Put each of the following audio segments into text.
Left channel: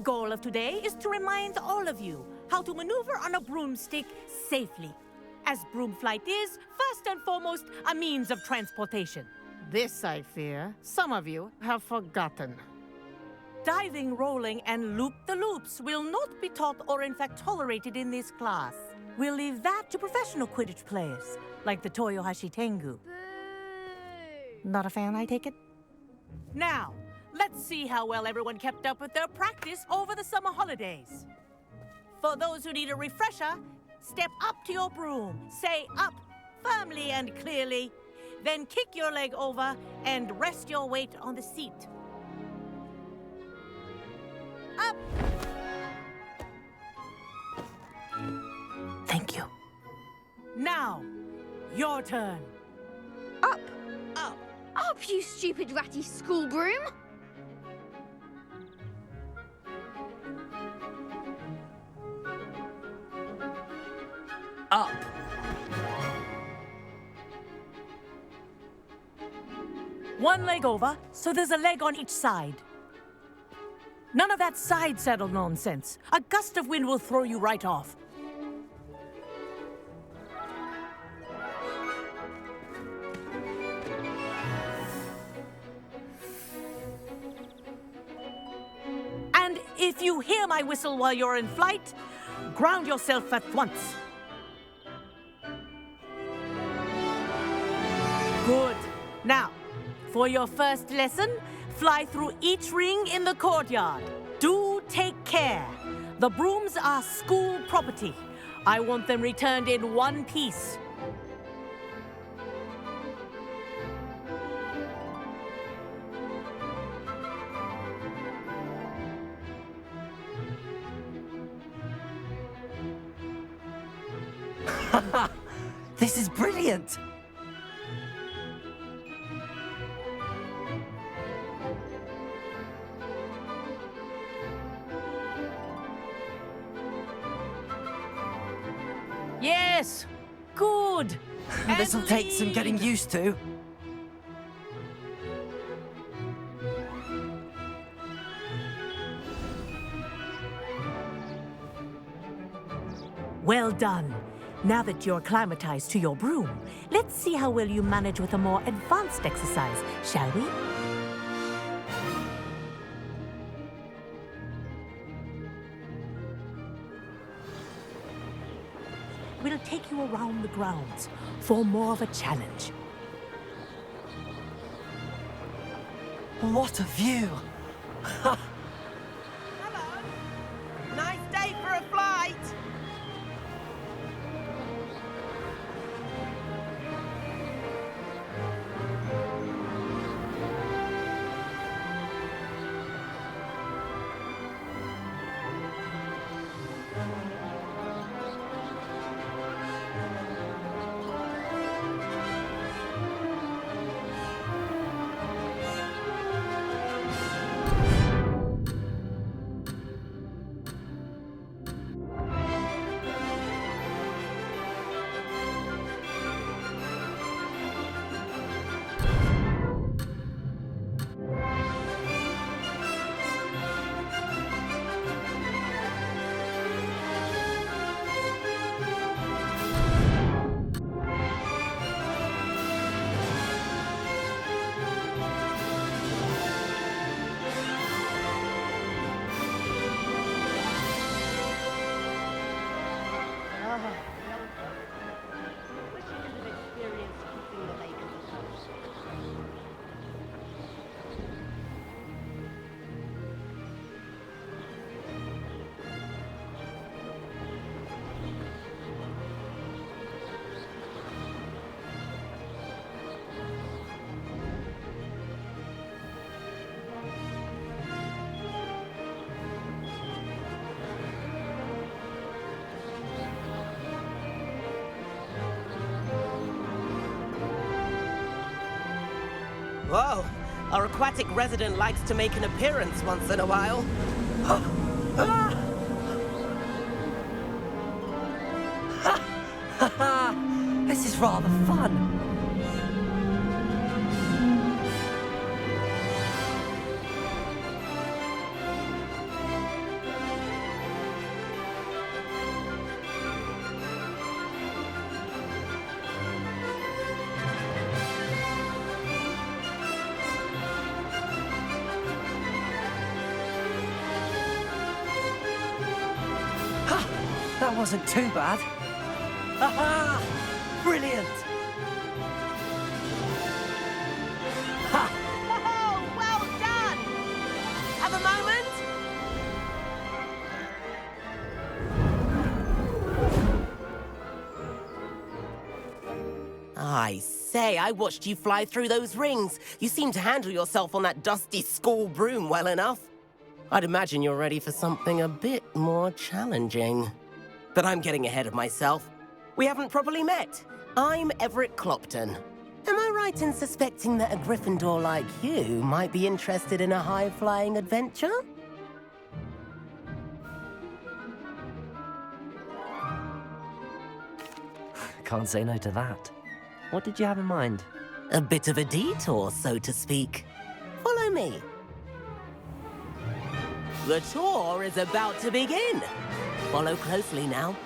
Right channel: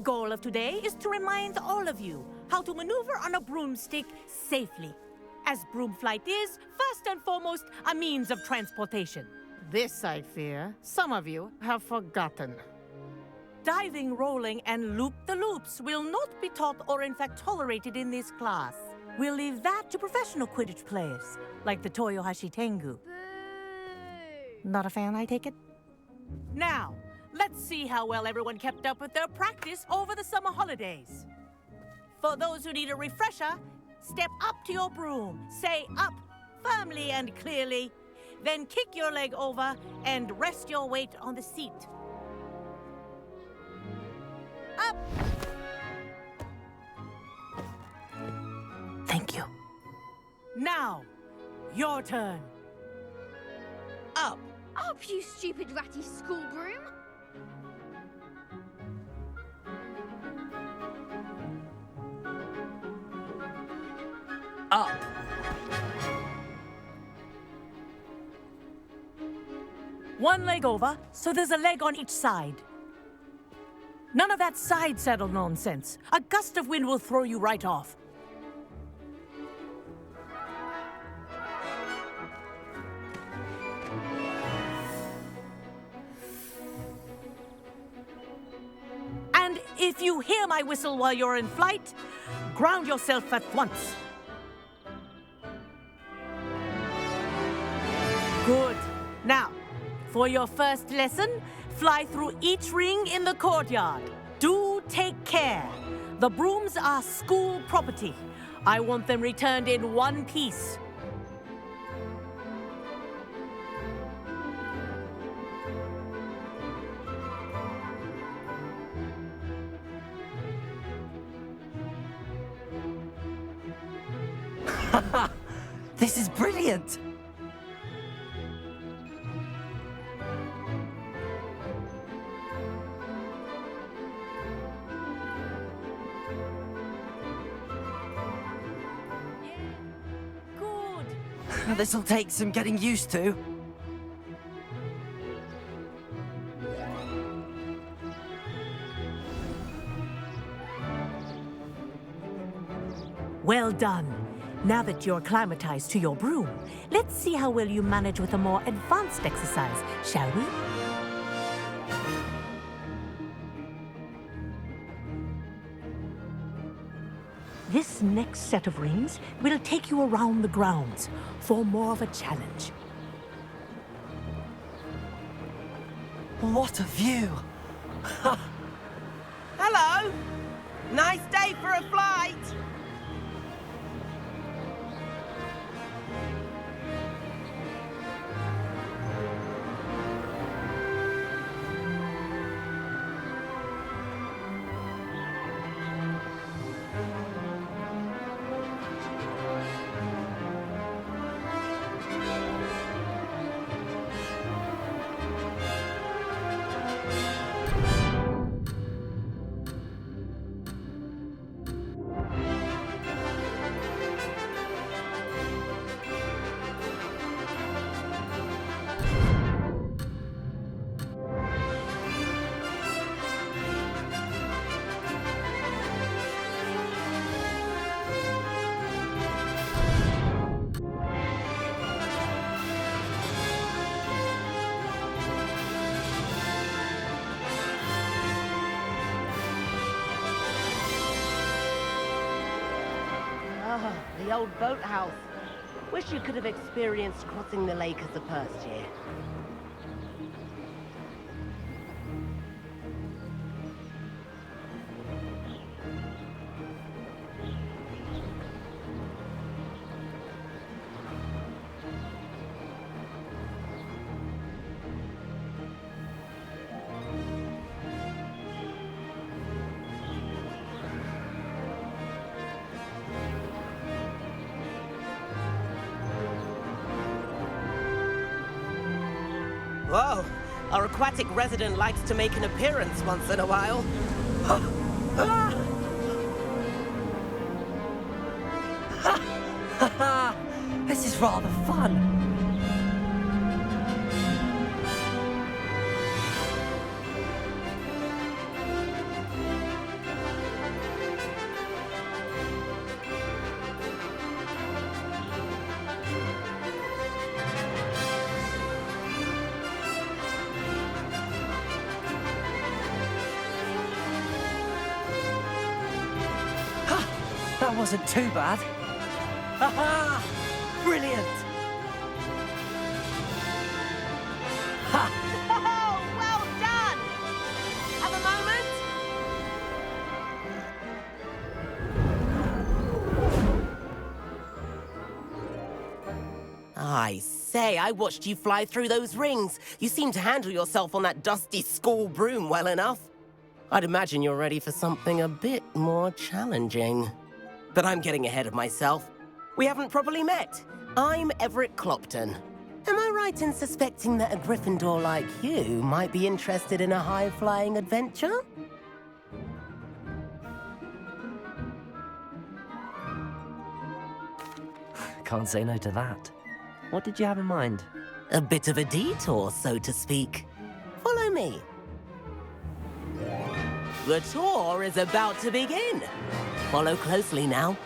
The goal of today is to remind all of you how to maneuver on a broomstick safely, as broom flight is, first and foremost, a means of transportation. This, I fear, some of you have forgotten. Diving, rolling, and loop-the-loops will not be taught or in fact tolerated in this class. We'll leave that to professional Quidditch players, like the Toyohashi Tengu. Boo! Not a fan, I take it? Now, let's see how well everyone kept up with their practice over the summer holidays. For those who need a refresher, step up to your broom, say up firmly and clearly, then kick your leg over and rest your weight on the seat. Up! Thank you. Now, your turn. Up! Up! Up, you stupid ratty school broom! Up. One leg over, so there's a leg on each side. None of that side saddle nonsense. A gust of wind will throw you right off. And if you hear my whistle while you're in flight, ground yourself at once. Good. Now, for your first lesson, fly through each ring in the courtyard. Do take care. The brooms are school property. I want them returned in one piece. This is brilliant! Yes, good. This'll take some getting used to. Well done. Now that you're acclimatized to your broom, let's see how well you manage with a more advanced exercise, shall we? This next set of rings will take you around the grounds for more of a challenge. What a view! Hello! Nice day for a flight! Ah, the old boathouse. Wish you could have experienced crossing the lake as a first year. Whoa, our aquatic resident likes to make an appearance once in a while. This is rather fun. That wasn't too bad. Ha-ha! Brilliant! Ha! Oh, well done! Have a moment? I say, I watched you fly through those rings. You seem to handle yourself on that dusty school broom well enough. I'd imagine you're ready for something a bit more challenging. But I'm getting ahead of myself. We haven't properly met. I'm Everett Clopton. Am I right in suspecting that a Gryffindor like you might be interested in a high-flying adventure? Can't say no to that. What did you have in mind? A bit of a detour, so to speak. Follow me. The tour is about to begin. Follow closely now.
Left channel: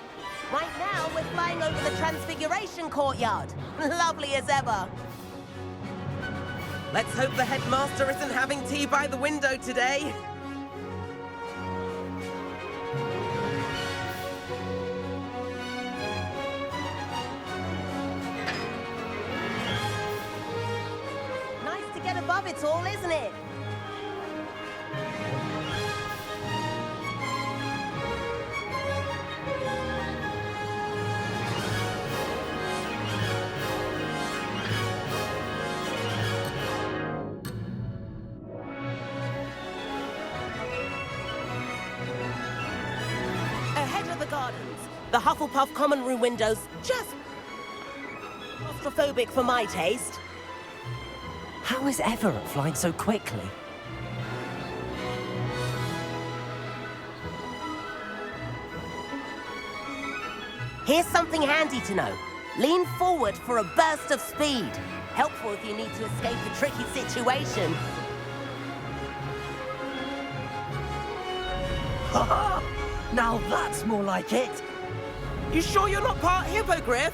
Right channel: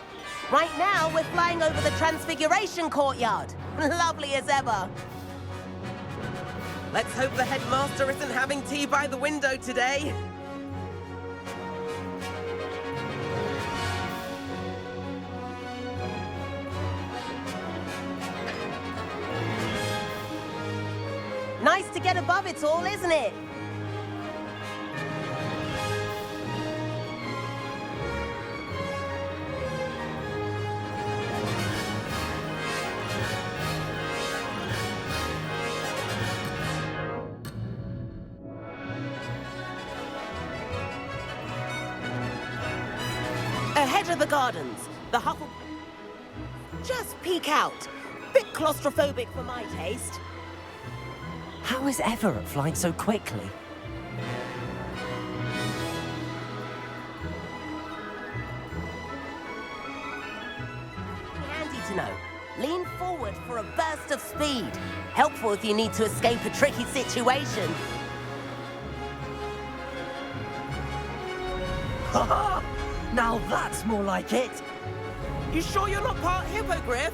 Right now, we're flying over the Transfiguration Courtyard. Lovely as ever. Let's hope the headmaster isn't having tea by the window today. Nice to get above it all, isn't it? Ahead of the gardens, the Hufflepuff common room windows just peek out. Bit claustrophobic for my taste. How is Everett flying so quickly? Here's something handy to know. Lean forward for a burst of speed. Helpful if you need to escape a tricky situation. Ha-ha! Now that's more like it! You sure you're not part hippogriff?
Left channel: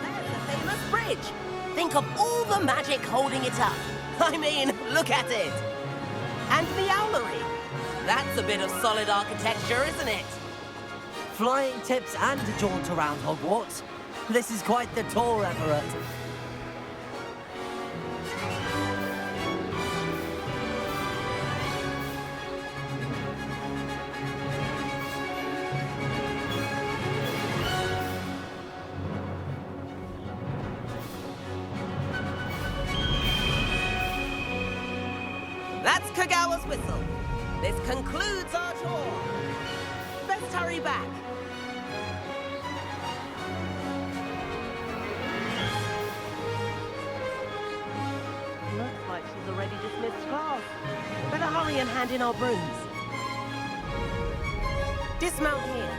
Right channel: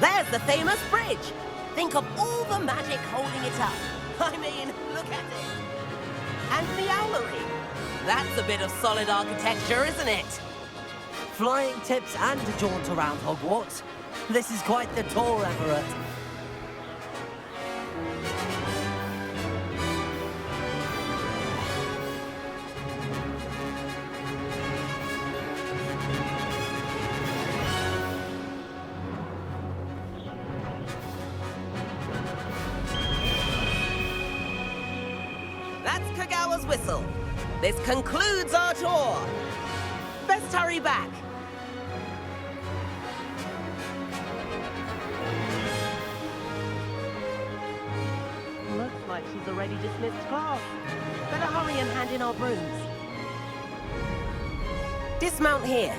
There's the famous bridge. Think of all the magic holding it up. I mean, look at it. And the owlery. That's a bit of solid architecture, isn't it? Flying tips and a jaunt around Hogwarts. This is quite the tour, Everett. That's Kogawa's whistle. This concludes our tour. Best hurry back. Looks like she's already dismissed class. Better hurry and hand in our brooms. Dismount here.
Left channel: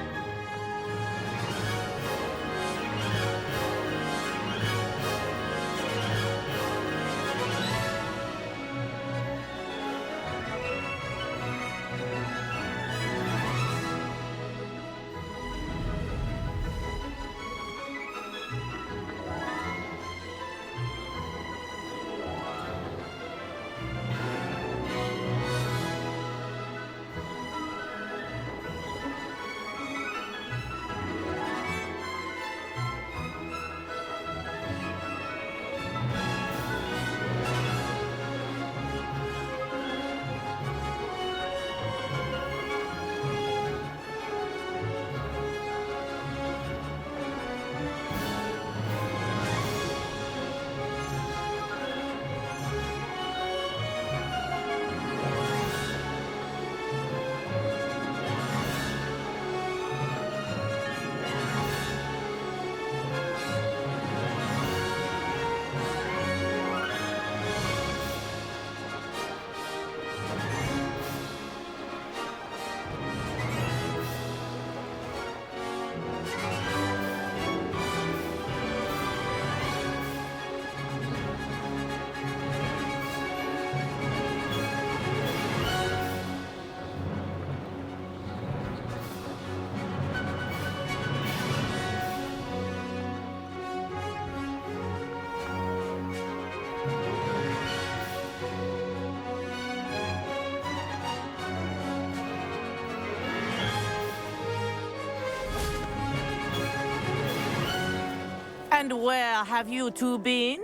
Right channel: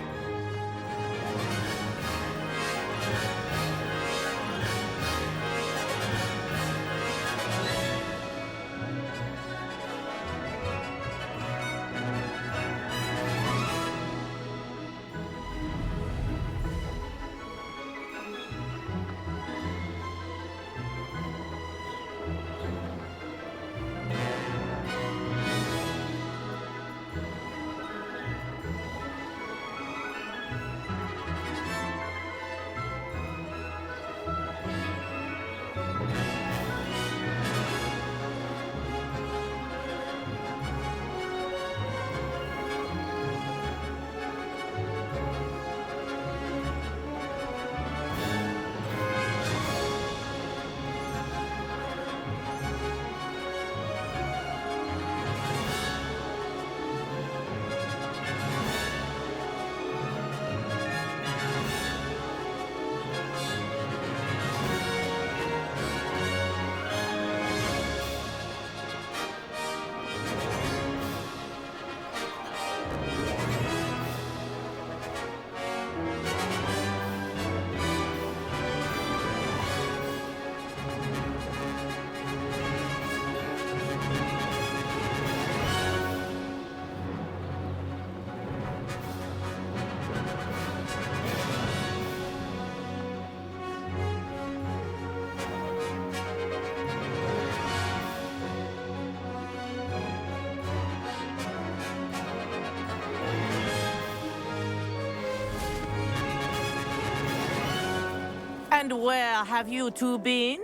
And where have you two been?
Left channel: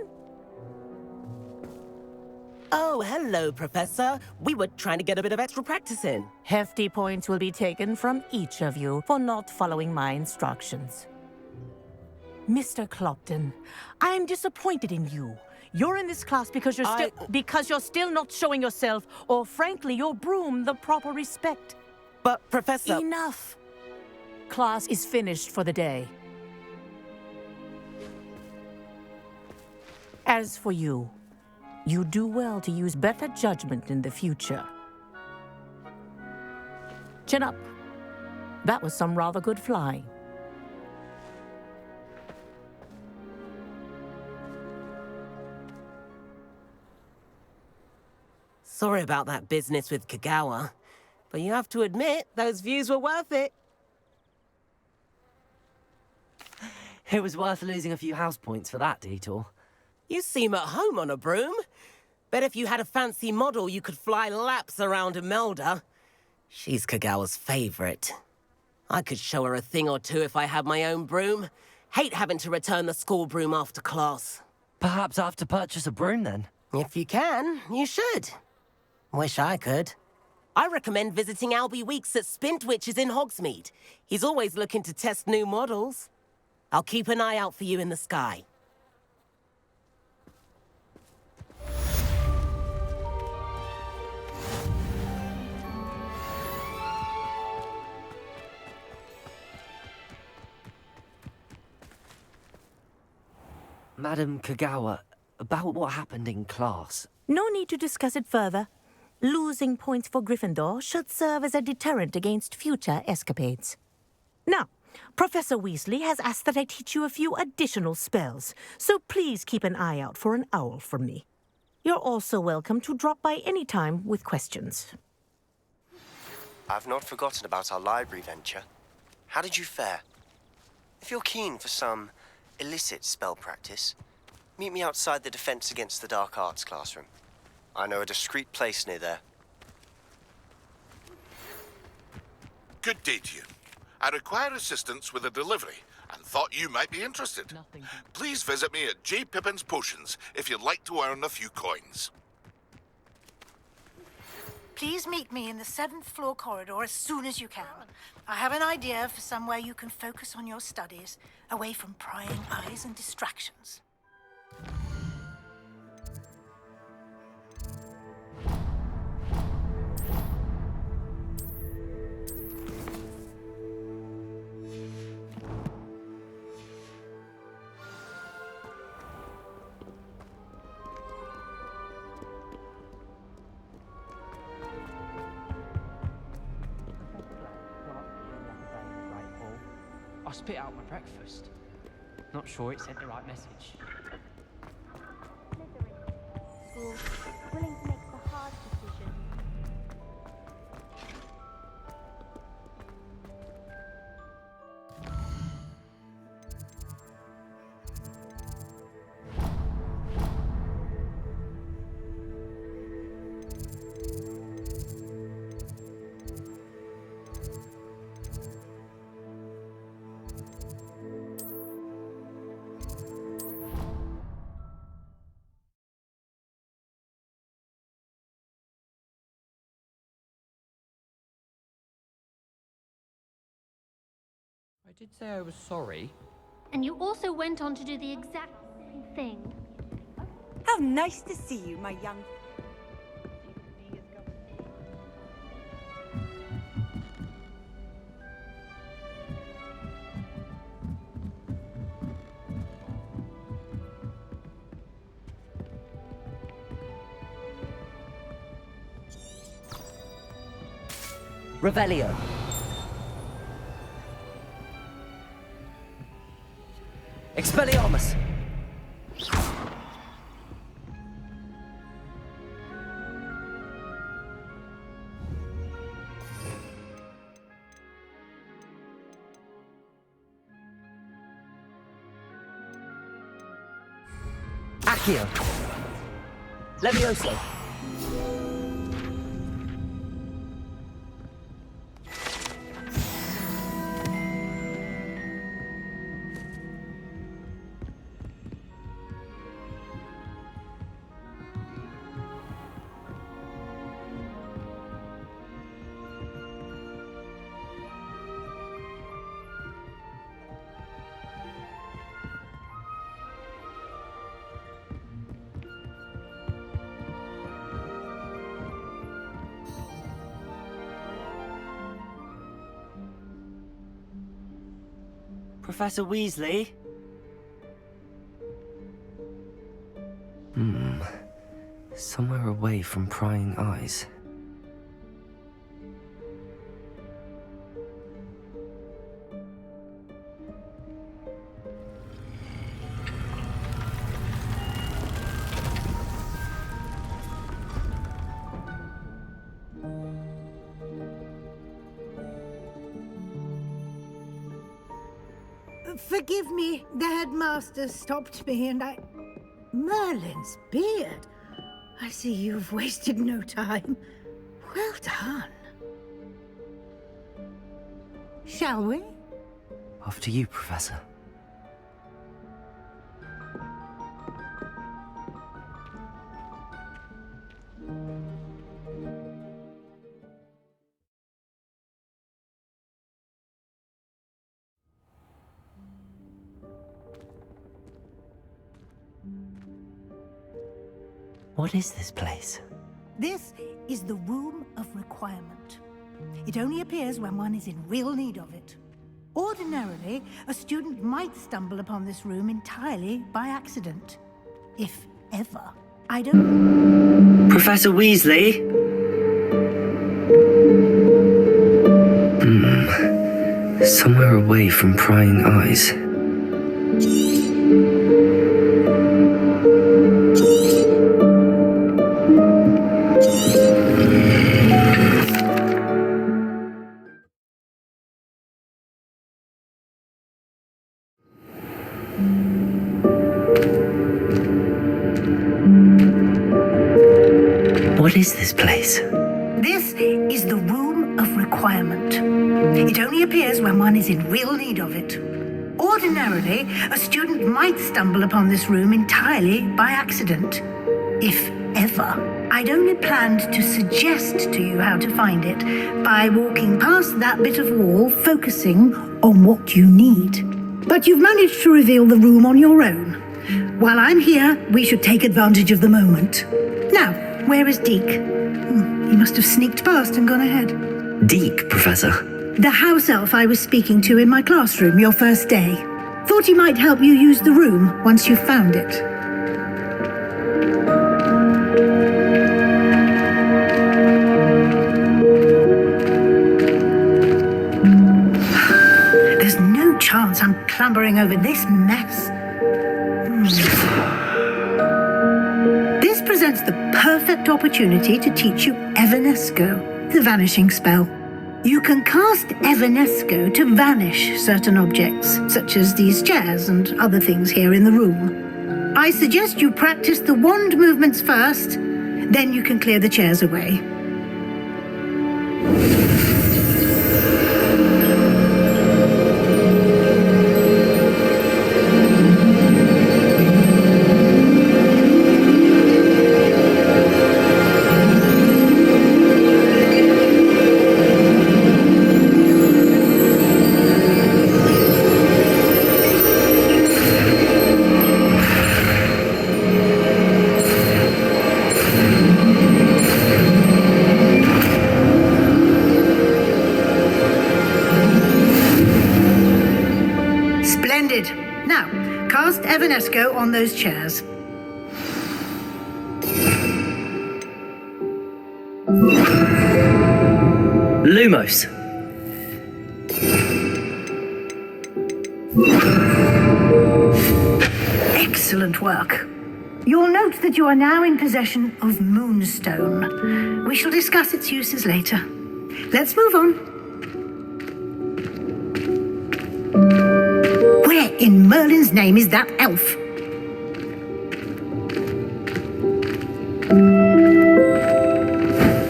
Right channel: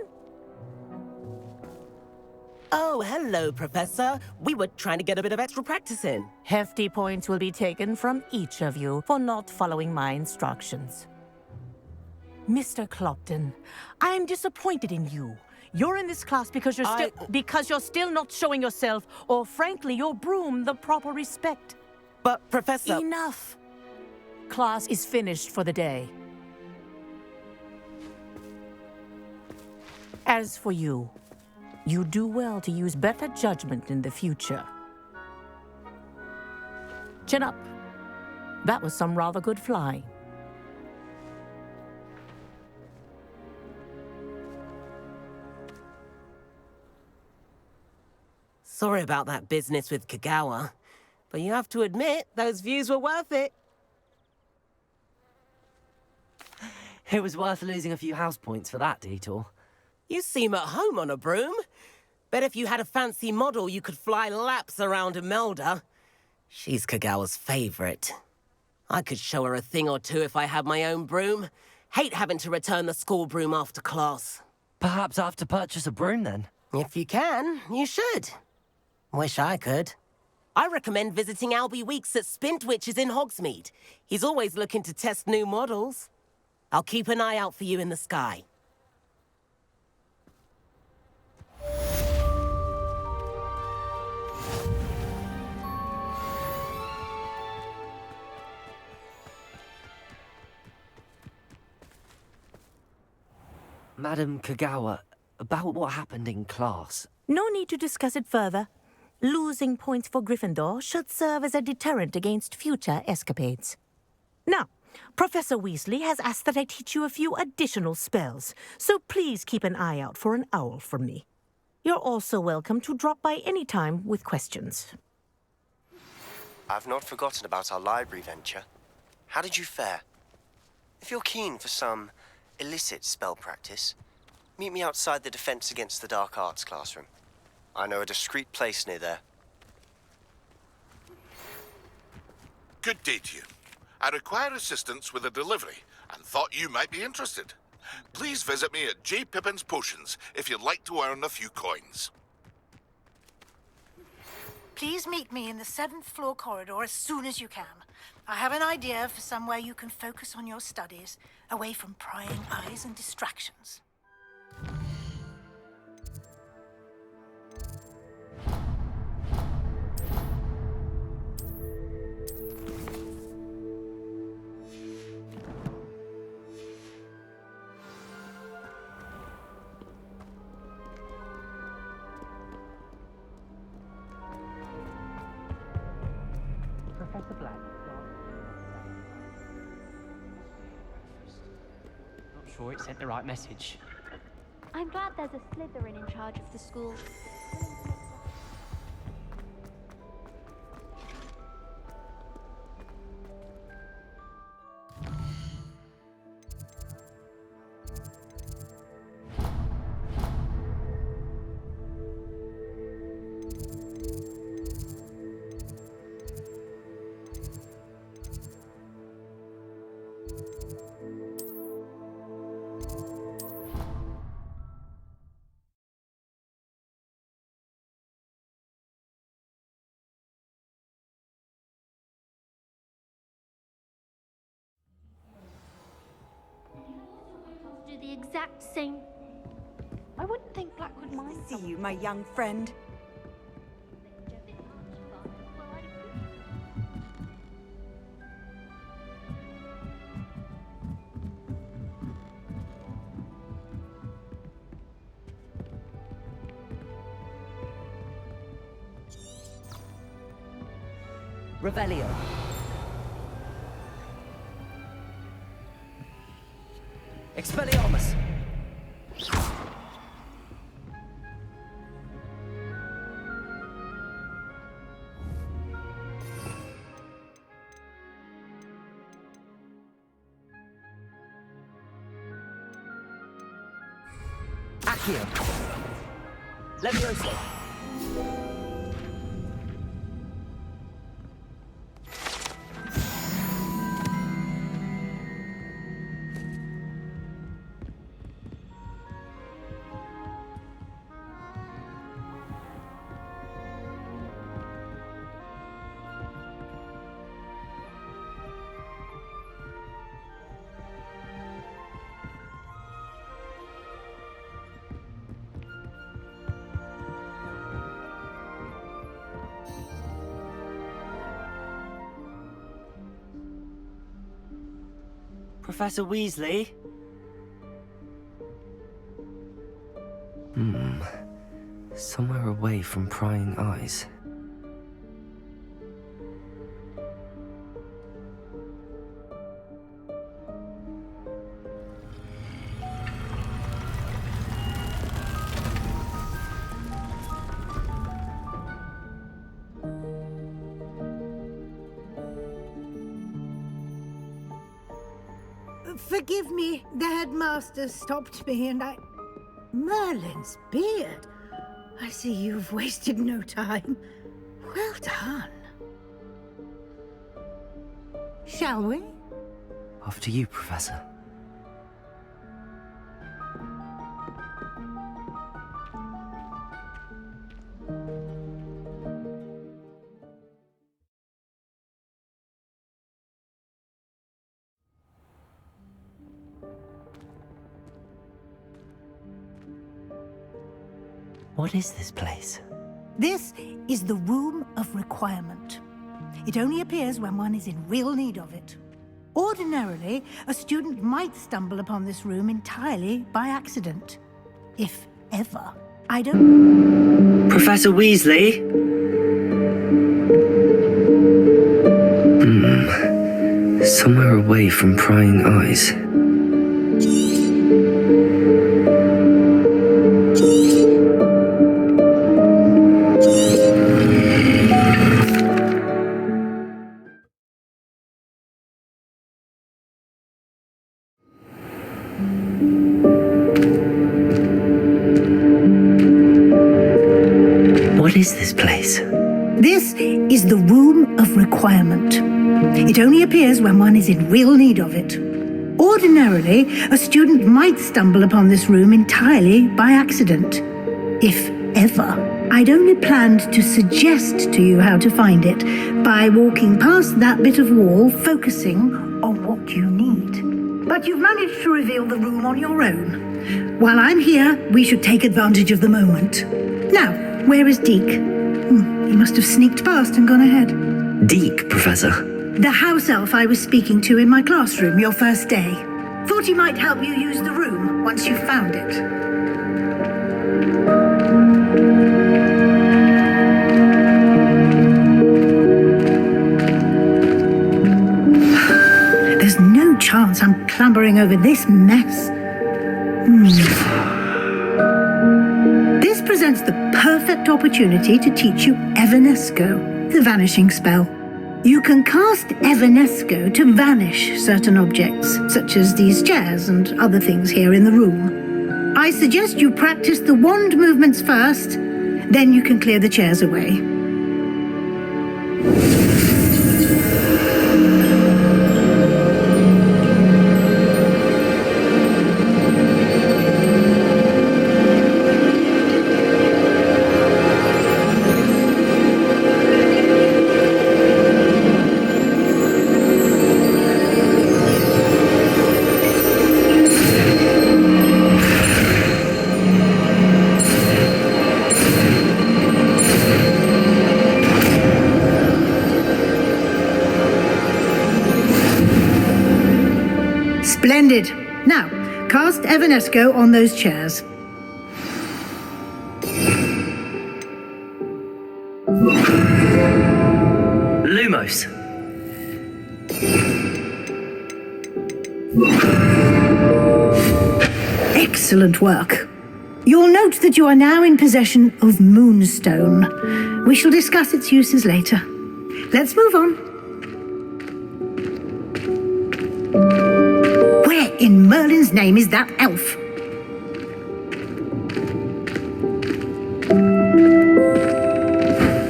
Oh, hello, Professor. We were trying to get a bit of extra practice in. Hefty points will be taken from each of you for not following my instructions. Mr. Clopton, I'm disappointed in you. You're in this class because you're still not showing yourself, or frankly, your broom, the proper respect. But, Professor... Enough. Class is finished for the day. As for you, you do well to use better judgment in the future. Chin up. That was some rather good flying. Sorry about that business with Kogawa, but you have to admit, those views were worth it. It was worth losing a few house points for that detour. You seem at home on a broom. Bet if you had a fancy model, you could fly laps around Imelda. She's Kogawa's favorite. I could show her a thing or two if I had my own broom. Hate having to return the school broom after class. Perhaps I have to purchase a broom then. If you can, you should. Wish I could. I recommend visiting Albie Weeks at Spintwitches in Hogsmeade. He's always looking to test new models. I'll keep an eye out for you in the sky. Madam Kogawa, about what happened in class. No need to discuss it further. Losing points for Gryffindor should serve as a deterrent against future escapades. Now, Professor Weasley has asked that I teach you a few additional spells, so please keep an eye out for an owl from me. You're also welcome to drop by any time with questions. I've not forgotten about our library venture. How did you fare? If you're keen for some illicit spell practice, meet me outside the Defense Against the Dark Arts classroom. I know a discreet place near there. Good day to you. I require assistance with a delivery and thought you might be interested. Please visit me at J. Pippin's Potions if you'd like to earn a few coins. Please meet me in the 7th floor corridor as soon as you can. I have an idea for somewhere you can focus on your studies, away from prying eyes and distractions. I spit out my breakfast. Not sure it sent the right message. I'm glad there's a Slytherin in charge of the school, willing to make the hard decision. I did say I was sorry. And you also went on to do the exact same thing. I wouldn't think. How nice to see you, my young friend. Revelio. Expelliarmus! Accio! Levioso! Professor Weasley? Somewhere away from prying eyes. Forgive me, the headmaster stopped me and I... Merlin's beard. I see you've wasted no time. Well done. Shall we? After you, Professor. What is this place? This is the Room of Requirement. It only appears when one is in real need of it. Ordinarily, a student might stumble upon this room entirely by accident. If ever. I don't... Professor Weasley? Somewhere away from prying eyes. What is this place? This is the Room of Requirement. It only appears when one is in real need of it. Ordinarily, a student might stumble upon this room entirely by accident. If ever. I'd only planned to suggest to you how to find it by walking past that bit of wall, focusing on what you need. But you've managed to reveal the room on your own. While I'm here, we should take advantage of the moment. Now, where is Deek? He must have sneaked past and gone ahead. Deek, Professor. The house elf I was speaking to in my classroom your first day. Thought he might help you use the room once you found it. There's no chance I'm clambering over this mess. This presents the perfect opportunity to teach you Evanesco, the vanishing spell. You can cast Evanesco to vanish certain objects, such as these chairs and other things here in the room. I suggest you practice the wand movements first, then you can clear the chairs away. Splendid. Now, cast Evanesco on those chairs. Lumos. Excellent work. You'll note that you are now in possession of Moonstone. We shall discuss its uses later. Let's move on. Where in Merlin's name is that elf?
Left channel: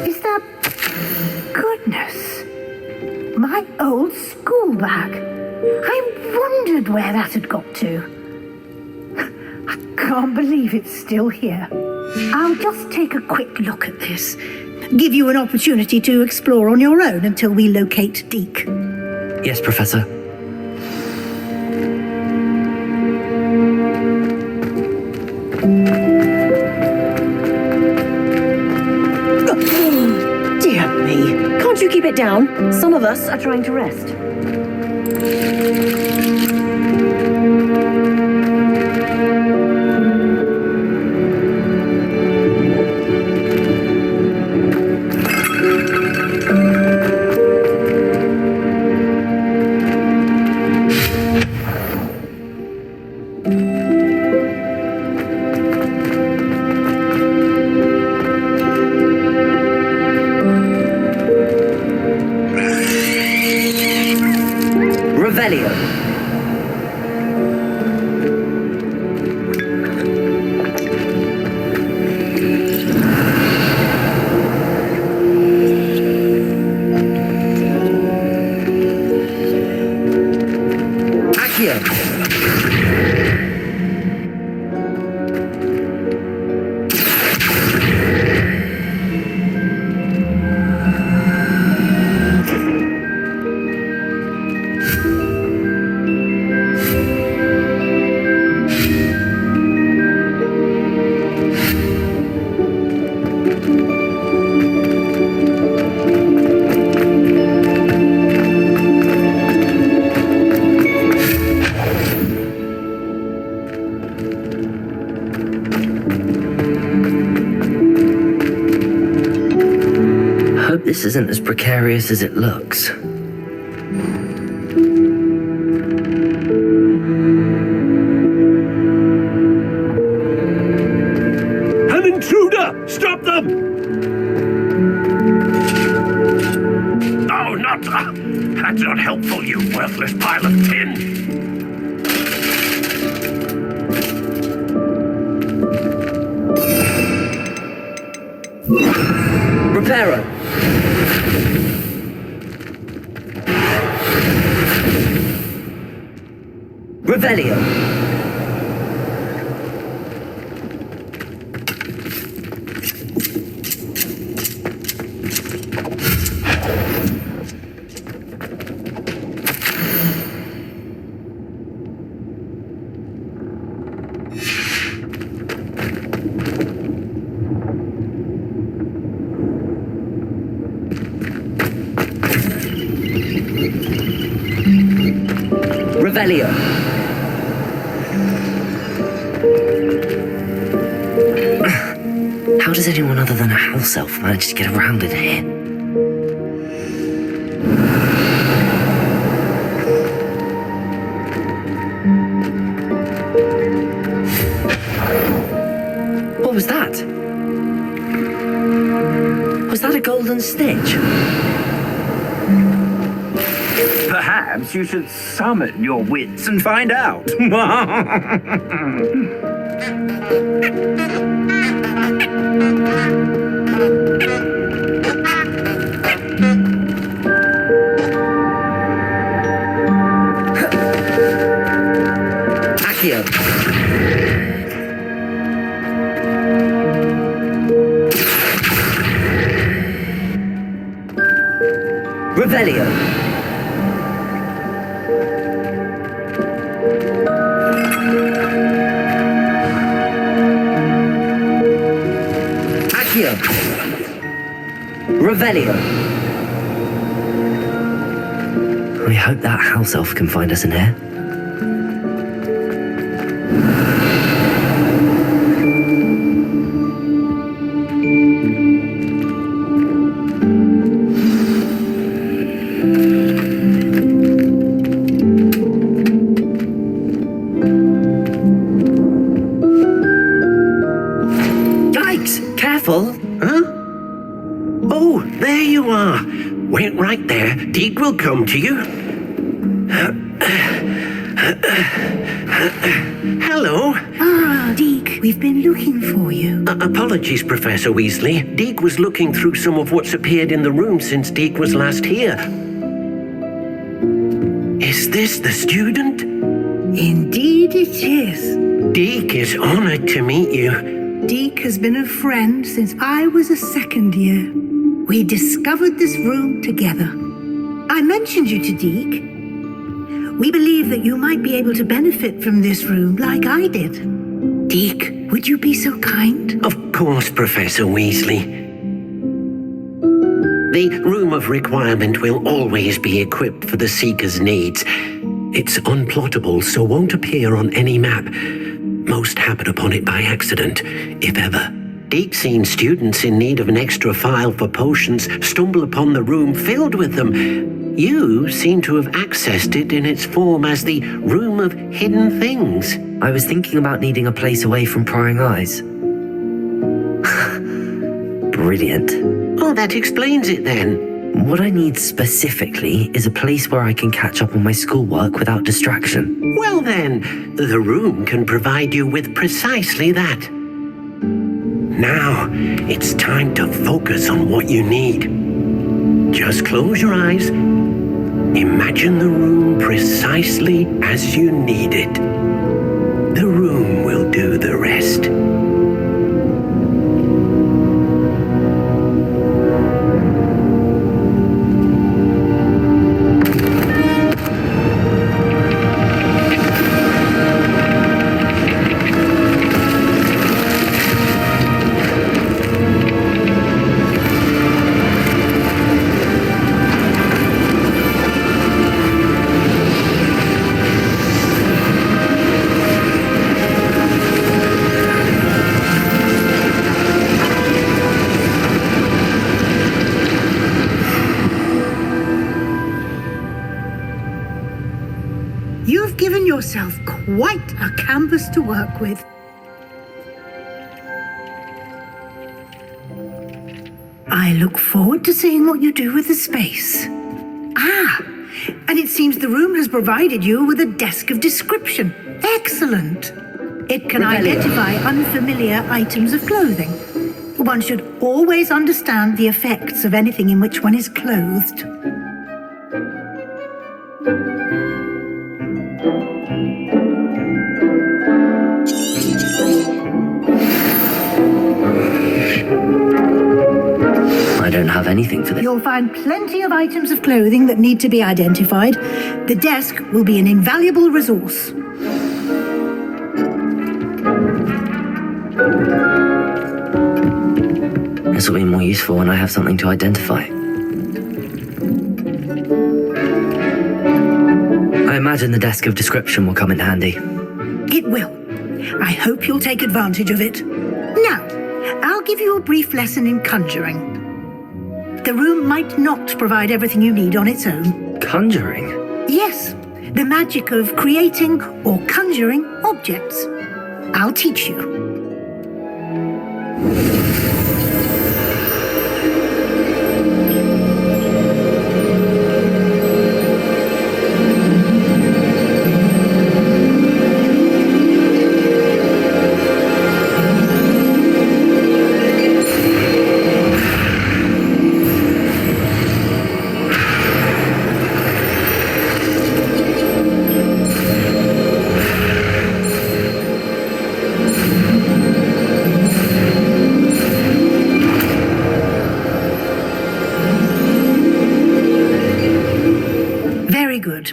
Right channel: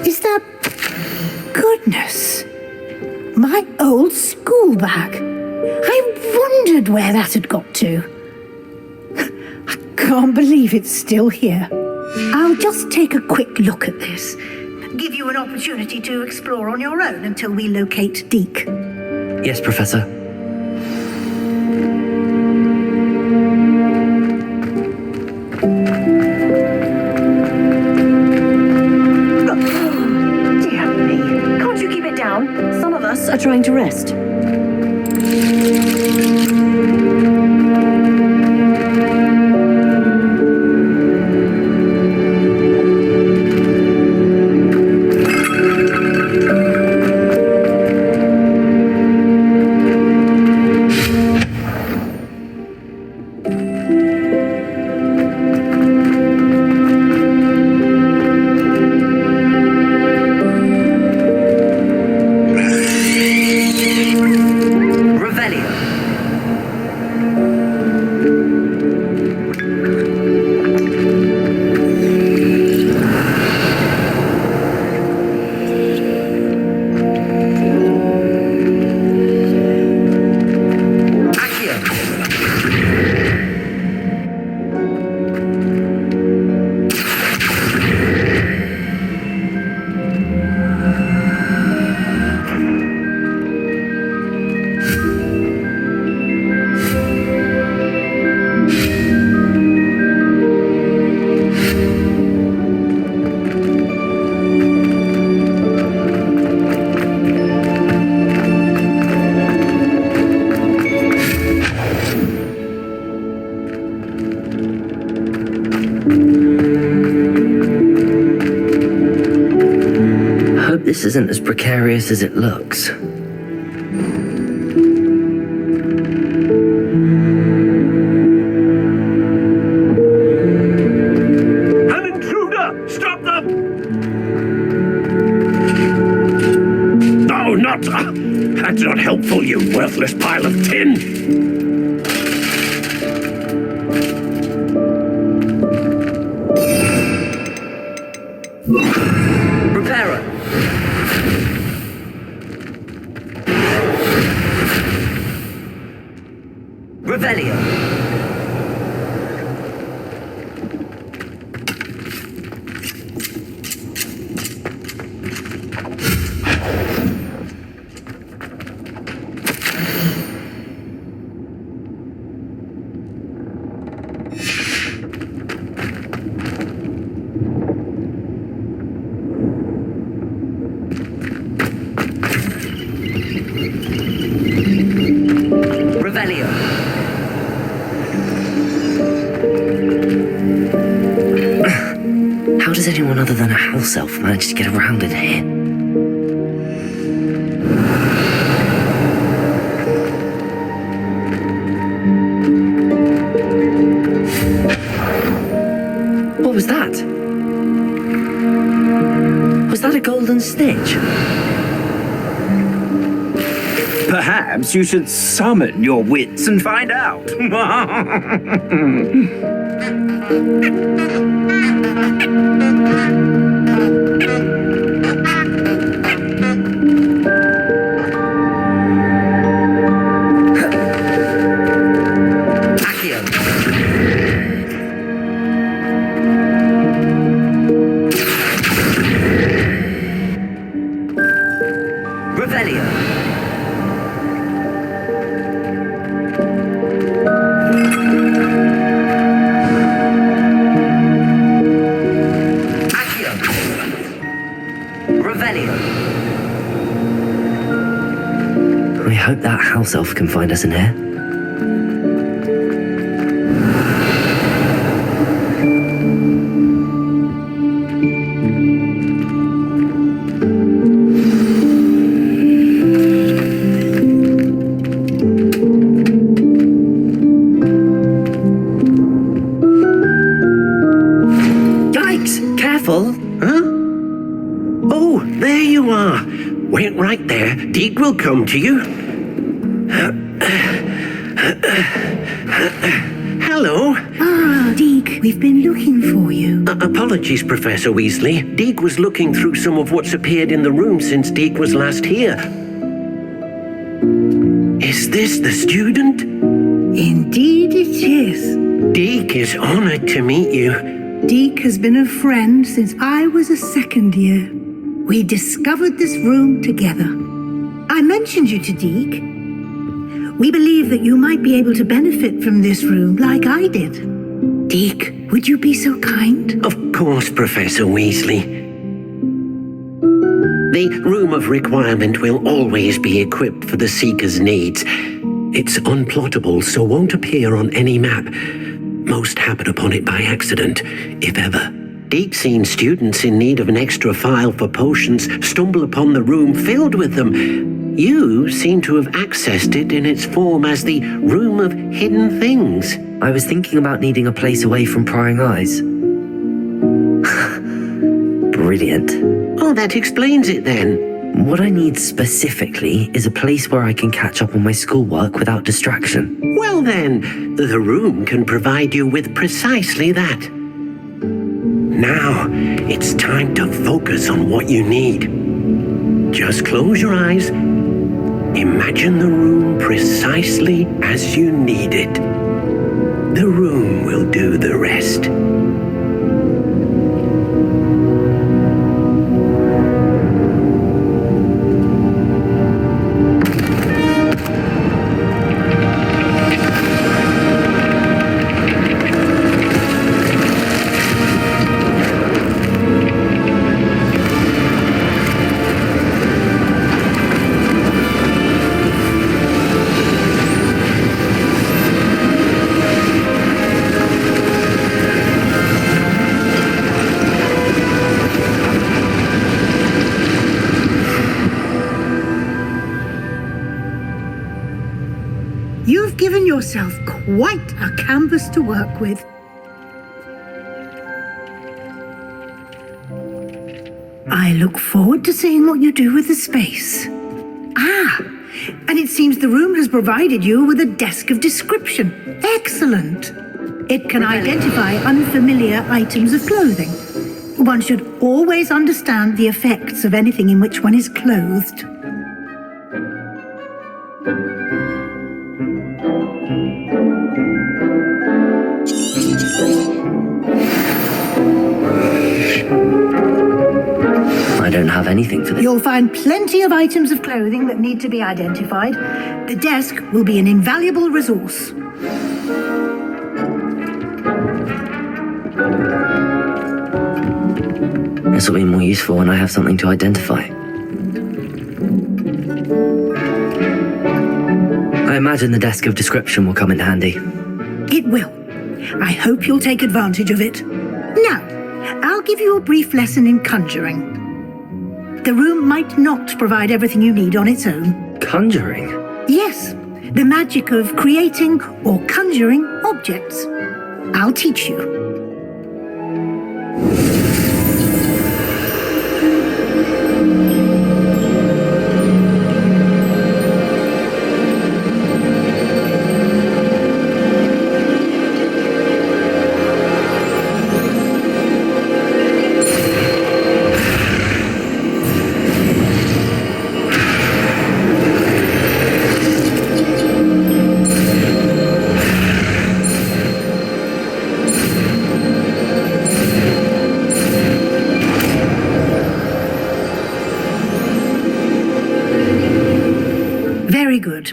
Is that... Goodness. My old school bag. I wondered where that had got to. I can't believe it's still here. I'll just take a quick look at this. Give you an opportunity to explore on your own until we locate Deek. Yes, Professor. Some of us are trying to rest. hope this isn't as precarious as it looks. An intruder! Stop them! No, not... that's not helpful, you worthless pile of tin! Reparo! Revelio! Revelio. How does anyone other than a house elf manage to get around in here? What was that? Was that a golden snitch? Perhaps you should summon your wits and find out. Accio. Revelio. Revelio. We hope that house elf can find us in here. Yikes! Careful! Huh? Oh, there you are. Wait right there. Deek will come to you. Hello. Ah, Deek, we've been looking for you. Apologies, Professor Weasley. Deek was looking through some of what's appeared in the room since Deek was last here. Is this the student? Indeed it is. Deek is honored to meet you. Deek has been a friend since I was a second year. We discovered this room together. I mentioned you to Deek. We believe that you might be able to benefit from this room like I did. Deek, would you be so kind? Of course, Professor Weasley. The Room of Requirement will always be equipped for the Seeker's needs. It's unplottable, so won't appear on any map. Most happen upon it by accident, if ever. Deek's seen students in need of an extra file for potions stumble upon the room filled with them. You seem to have accessed it in its form as the Room of Hidden Things. I was thinking about needing a place away from prying eyes. Brilliant. Oh, that explains it then. What I need specifically is a place where I can catch up on my schoolwork without distraction. Well then, the room can provide you with precisely that. Now, it's time to focus on what you need. Just close your eyes. Imagine the room precisely as you need it. The room will do the rest. yourself quite a canvas to work with. I look forward to seeing what you do with the space. Ah, and it seems the room has provided you with a desk of description. Excellent. It can identify unfamiliar items of clothing. One should always understand the effects of anything in which one is clothed. I don't have anything for this. You'll find plenty of items of clothing that need to be identified. The desk will be an invaluable resource. This will be more useful when I have something to identify. I imagine the desk of description will come in handy. It will. I hope you'll take advantage of it. Now, I'll give you a brief lesson in conjuring. The room might not provide everything you need on its own. Conjuring? Yes, the magic of creating or conjuring objects. I'll teach you. Very good.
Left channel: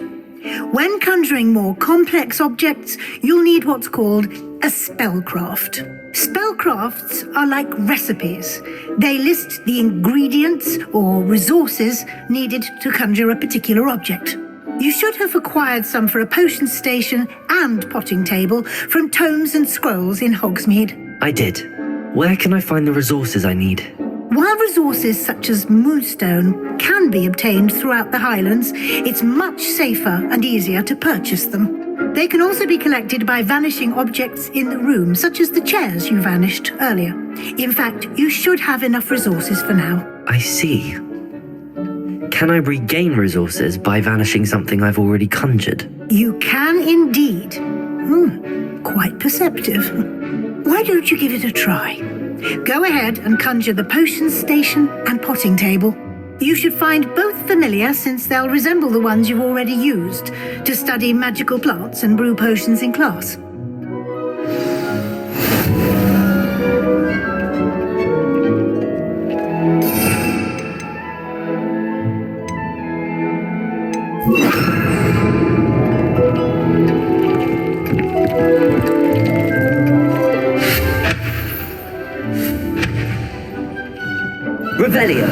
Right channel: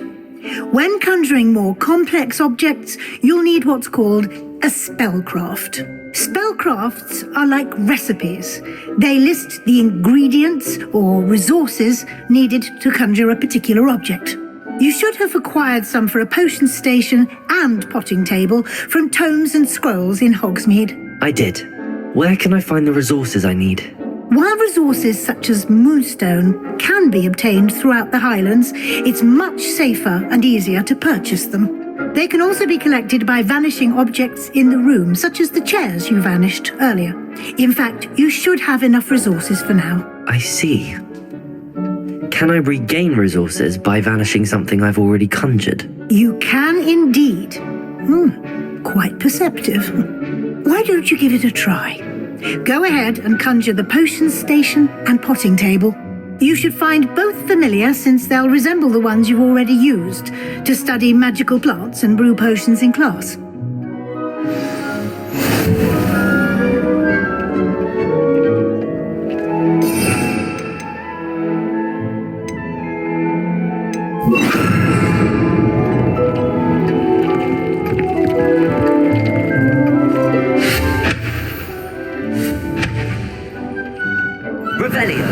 When conjuring more complex objects, you'll need what's called a spellcraft. Spellcrafts are like recipes. They list the ingredients or resources needed to conjure a particular object. You should have acquired some for a potion station and potting table from tomes and scrolls in Hogsmeade. I did. Where can I find the resources I need? While resources such as moonstone can be obtained throughout the Highlands, it's much safer and easier to purchase them. They can also be collected by vanishing objects in the room, such as the chairs you vanished earlier. In fact, you should have enough resources for now. I see. Can I regain resources by vanishing something I've already conjured? You can indeed. Quite perceptive. Why don't you give it a try? Go ahead and conjure the potion station and potting table. You should find both familiar, since they'll resemble the ones you've already used to study magical plants and brew potions in class. Revelio.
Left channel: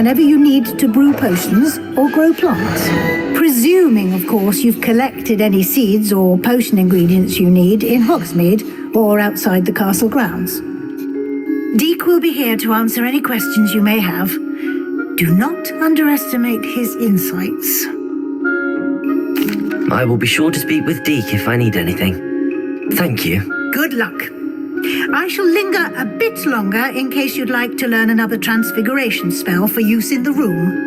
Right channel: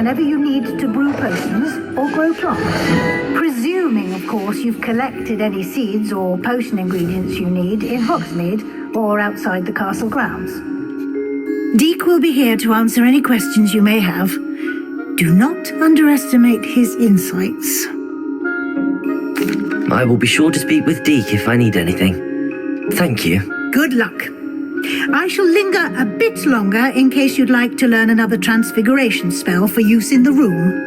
whenever you need to brew potions or grow plants. Presuming, of course, you've collected any seeds or potion ingredients you need in Hogsmeade or outside the castle grounds. Deek will be here to answer any questions you may have. Do not underestimate his insights. I will be sure to speak with Deek if I need anything. Thank you. Good luck. I shall linger a bit longer in case you'd like to learn another transfiguration spell for use in the room.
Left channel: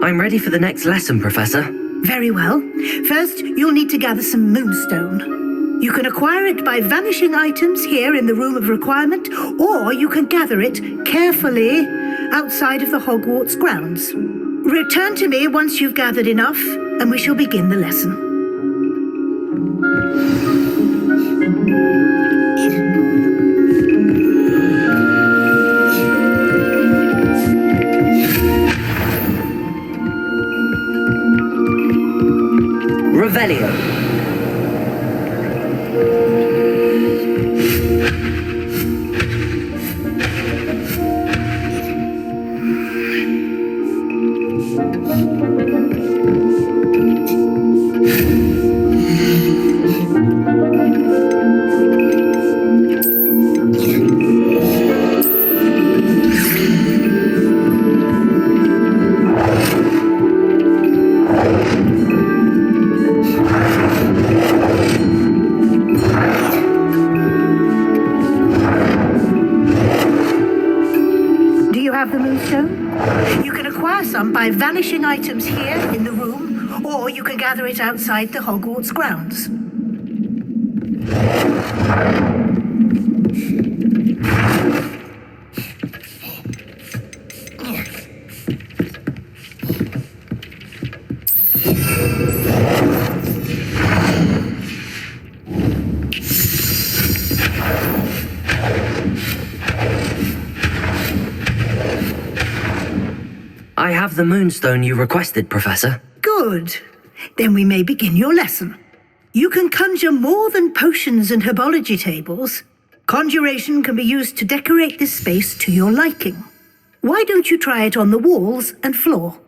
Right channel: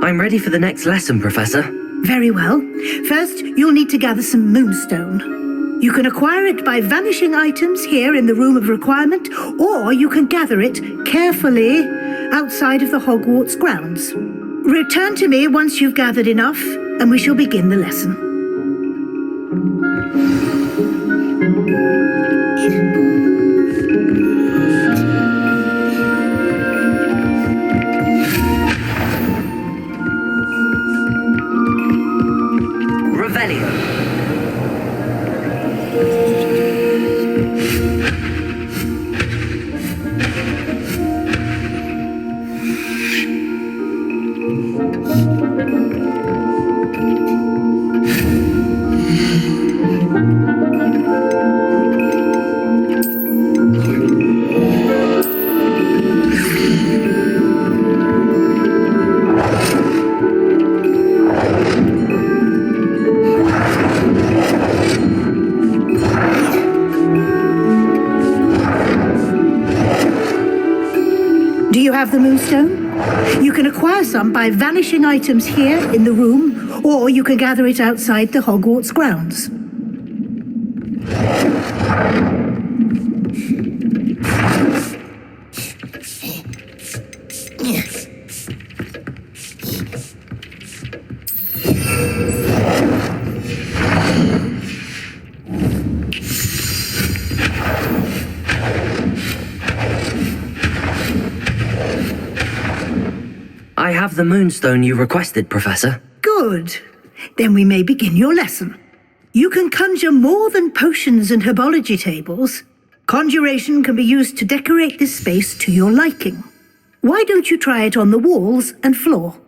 I'm ready for the next lesson, Professor. Very well. First, you'll need to gather some moonstone. You can acquire it by vanishing items here in the Room of Requirement, or you can gather it carefully outside of the Hogwarts grounds. Return to me once you've gathered enough, and we shall begin the lesson. Revelio. Some by vanishing items here in the room, or you can gather it outside the Hogwarts grounds. I have the moonstone you requested, Professor. Good. Then we may begin your lesson. You can conjure more than potions and herbology tables. Conjuration can be used to decorate this space to your liking. Why don't you try it on the walls and floor?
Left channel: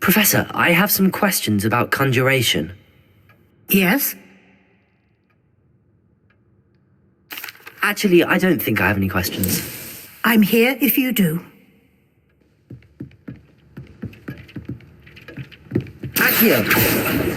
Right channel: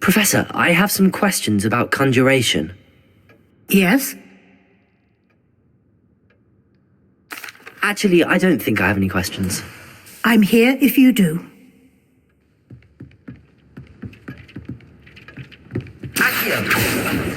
Professor, I have some questions about conjuration. Yes? Actually, I don't think I have any questions. I'm here if you do. Accio!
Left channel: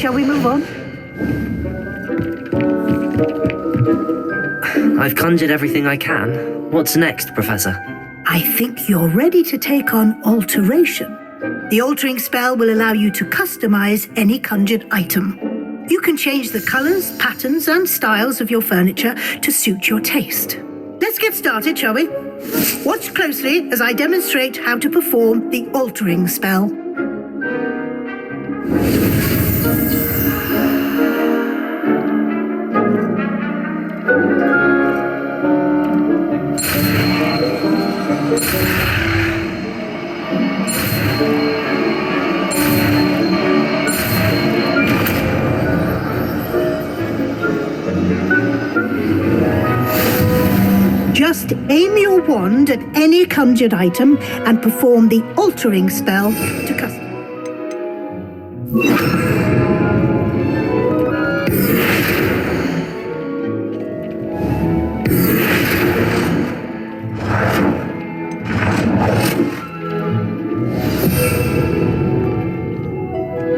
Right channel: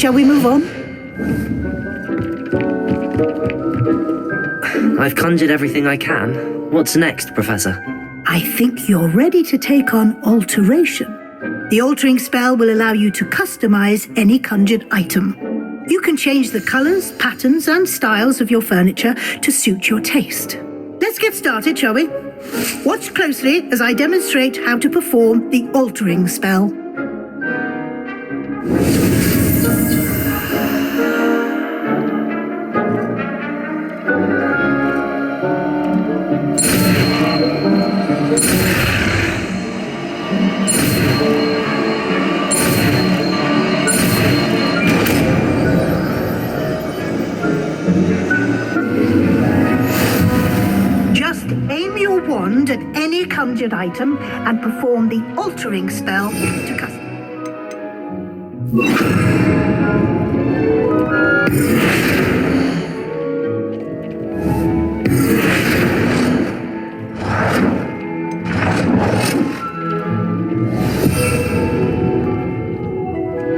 Shall we move on? I've conjured everything I can. What's next, Professor? I think you're ready to take on alteration. The altering spell will allow you to customize any conjured item. You can change the colors, patterns, and styles of your furniture to suit your taste. Let's get started, shall we? Watch closely as I demonstrate how to perform the altering spell. Just aim your wand at any conjured item and perform the altering spell to custom.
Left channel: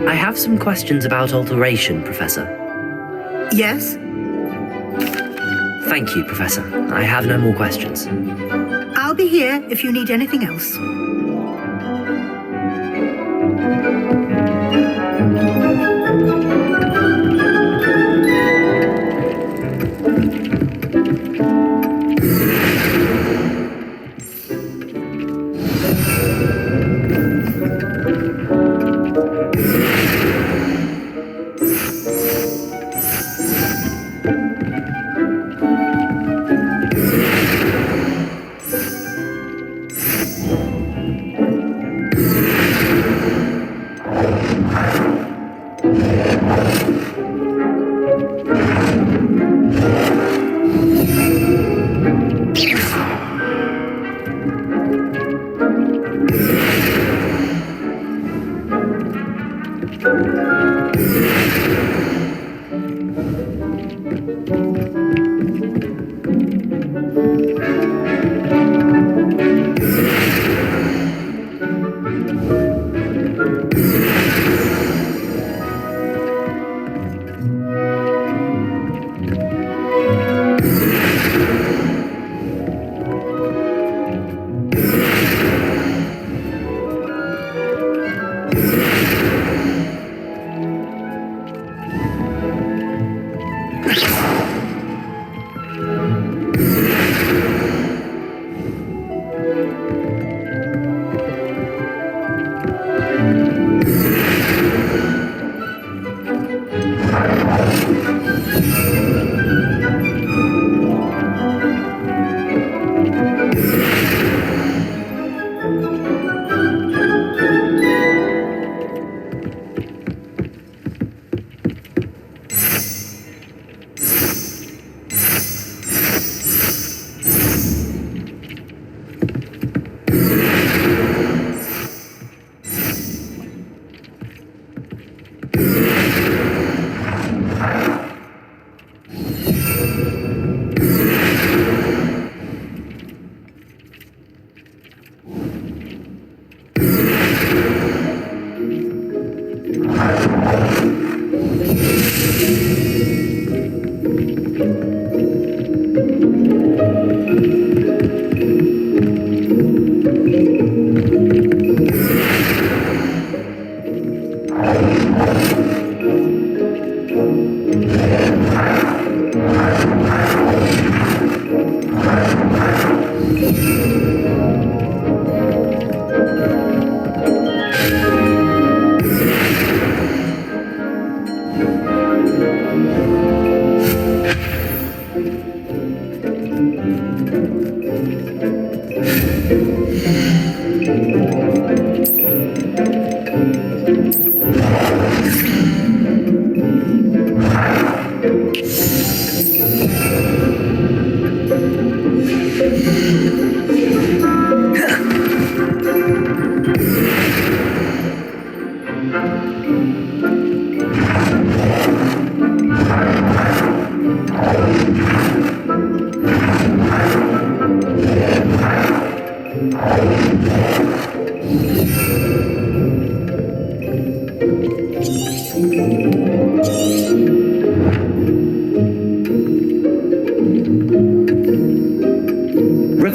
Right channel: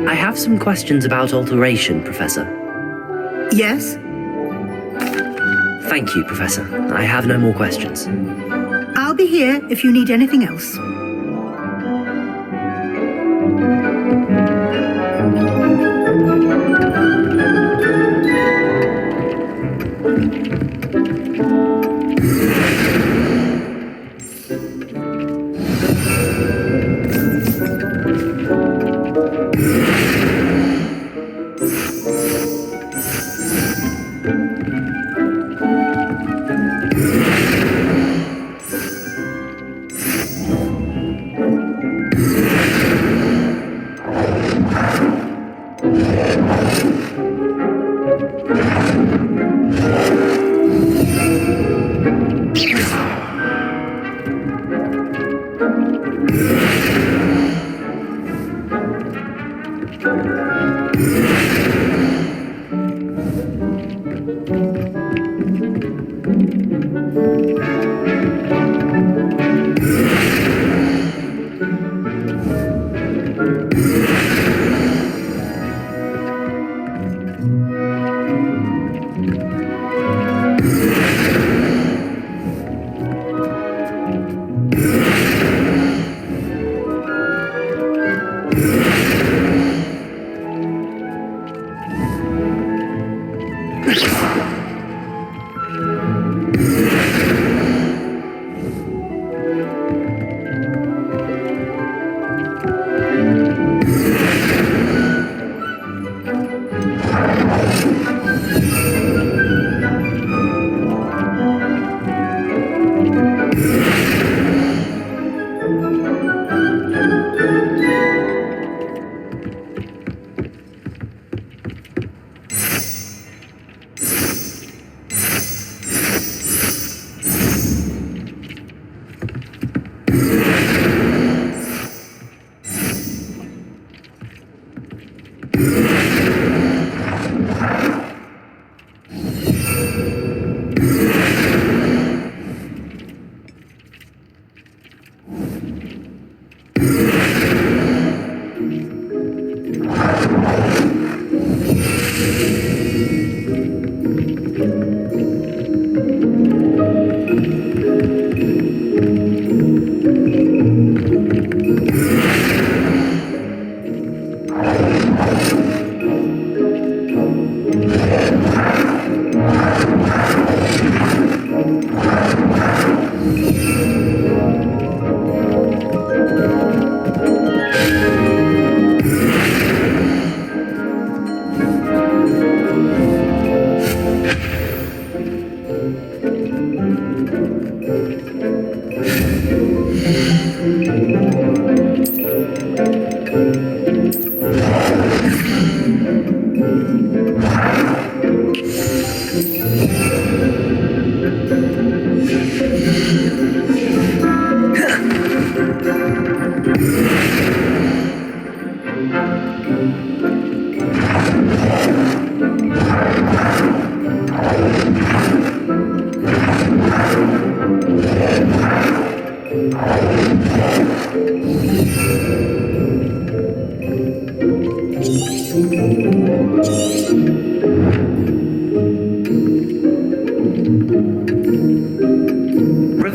I have some questions about alteration, Professor. Yes? Thank you, Professor. I have no more questions. I'll be here if you need anything else.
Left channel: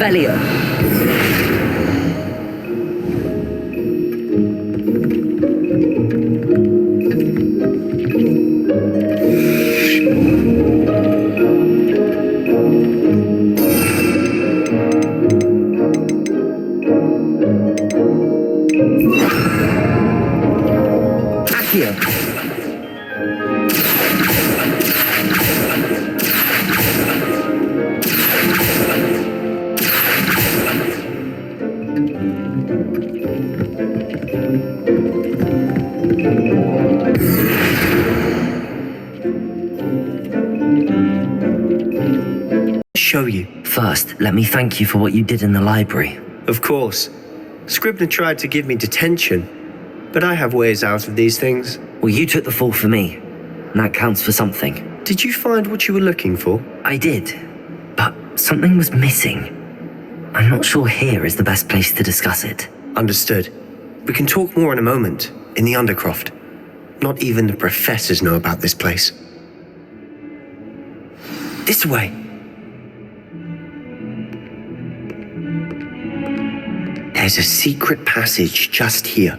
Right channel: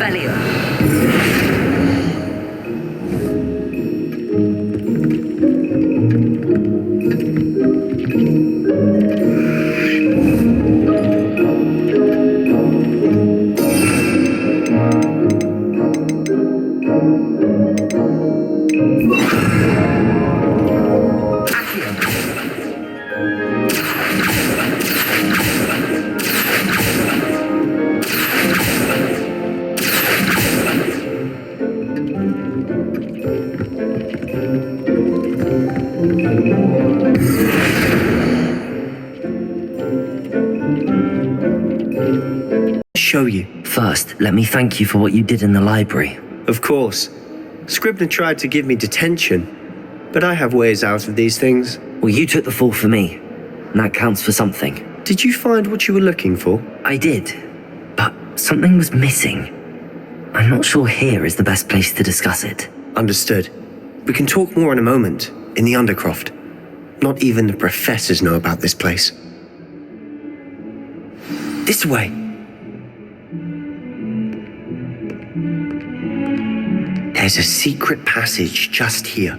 Revelio. Show you. First, let me thank you for what you did in the library. Of course. Scribner tried to give me detention, but I have ways out of these things. Well, you took the fall for me, and that counts for something. Did you find what you were looking for? I did, but something was missing. I'm not sure here is the best place to discuss it. Understood. We can talk more in a moment, in the Undercroft. Not even the professors know about this place. This way. There's a secret passage just here.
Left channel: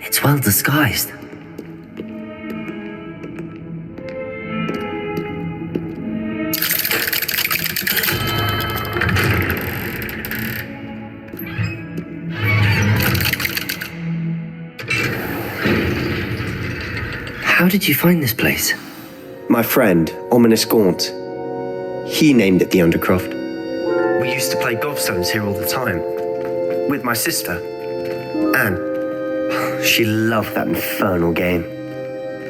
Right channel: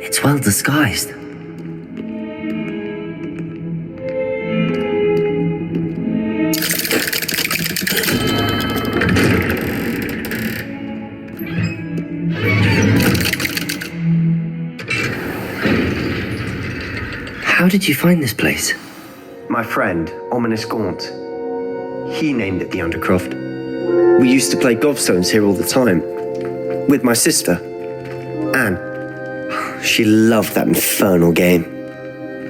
It's well disguised. How did you find this place? My friend, Ominis Gaunt. He named it the Undercroft. We used to play gobstones here all the time. With my sister, Anne. She loved that infernal game.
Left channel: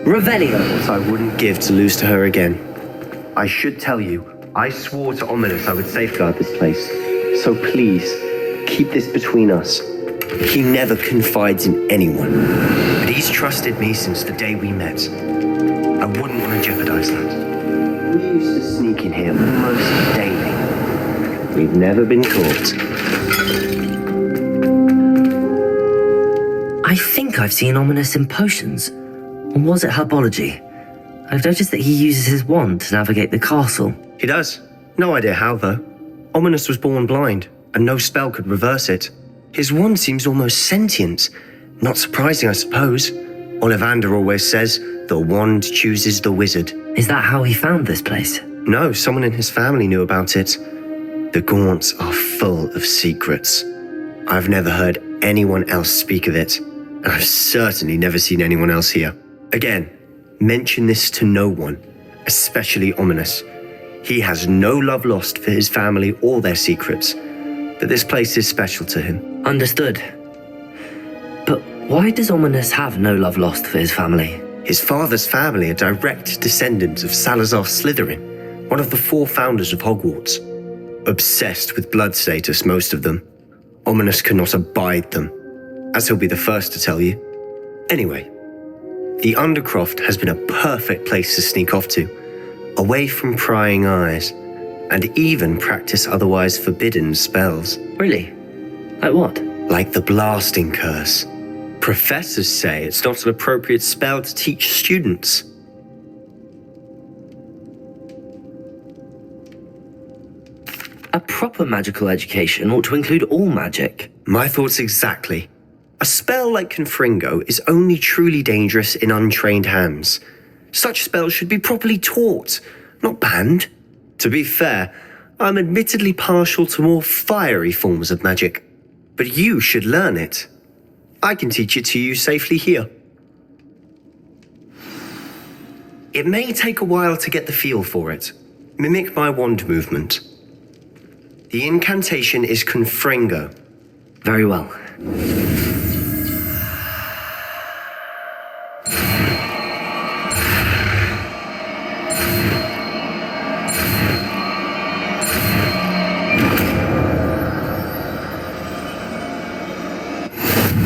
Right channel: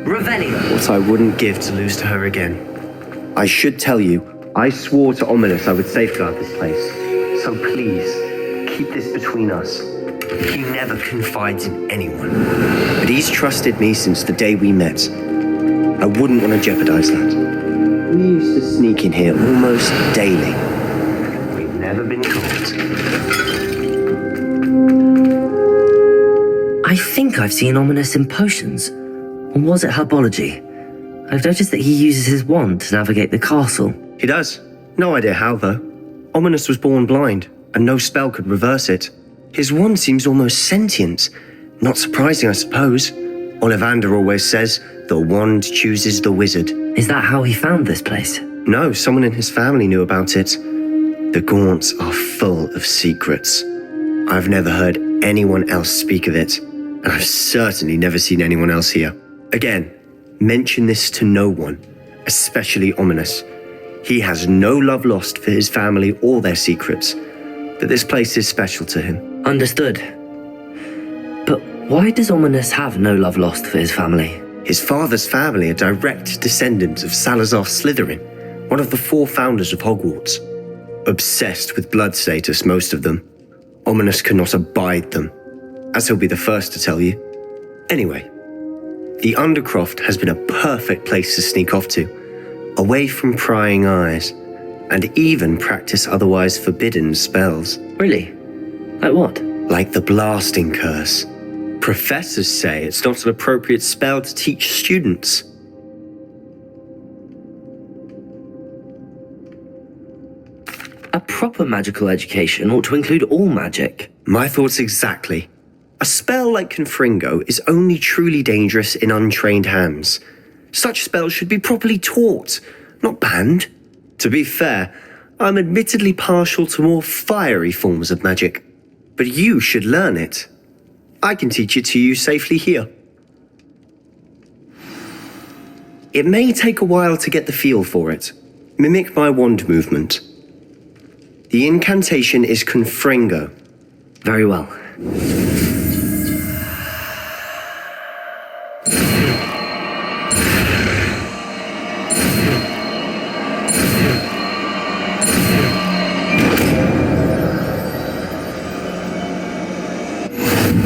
Revelio. That I wouldn't give to lose to her again. I should tell you, I swore to Ominis I would safeguard this place. So please, keep this between us. He never confides in anyone, but he's trusted me since the day we met. I wouldn't want to jeopardize that. We used to sneak in here almost daily. We've never been caught. I think I've seen Ominis in potions. Or was it herbology? I've noticed that he uses his wand to navigate the castle. He does. No idea how, though. Ominis was born blind, and no spell could reverse it. His wand seems almost sentient. Not surprising, I suppose. Ollivander always says, the wand chooses the wizard. Is that how he found this place? No, someone in his family knew about it. The Gaunts are full of secrets. I've never heard anyone else speak of it, and I've certainly never seen anyone else here. Again, mention this to no one, especially Ominis. He has no love lost for his family or their secrets, but this place is special to him. Understood. But why does Ominis have no love lost for his family? His father's family are direct descendants of Salazar Slytherin, one of the 4 founders of Hogwarts. Obsessed with blood status, most of them. Ominis cannot abide them, as he'll be the first to tell you. Anyway, the Undercroft has been a perfect place to sneak off to, away from prying eyes, and even practice otherwise forbidden spells. Really? Like what? Like the blasting curse. Professors say it's not an appropriate spell to teach students. A proper magical education ought to include all magic. My thoughts exactly. A spell like Confringo is only truly dangerous in untrained hands. Such spells should be properly taught, not banned. To be fair, I'm admittedly partial to more fiery forms of magic, but you should learn it. I can teach it to you safely here. It may take a while to get the feel for it. Mimic my wand movement. The incantation is Confringo. Very well.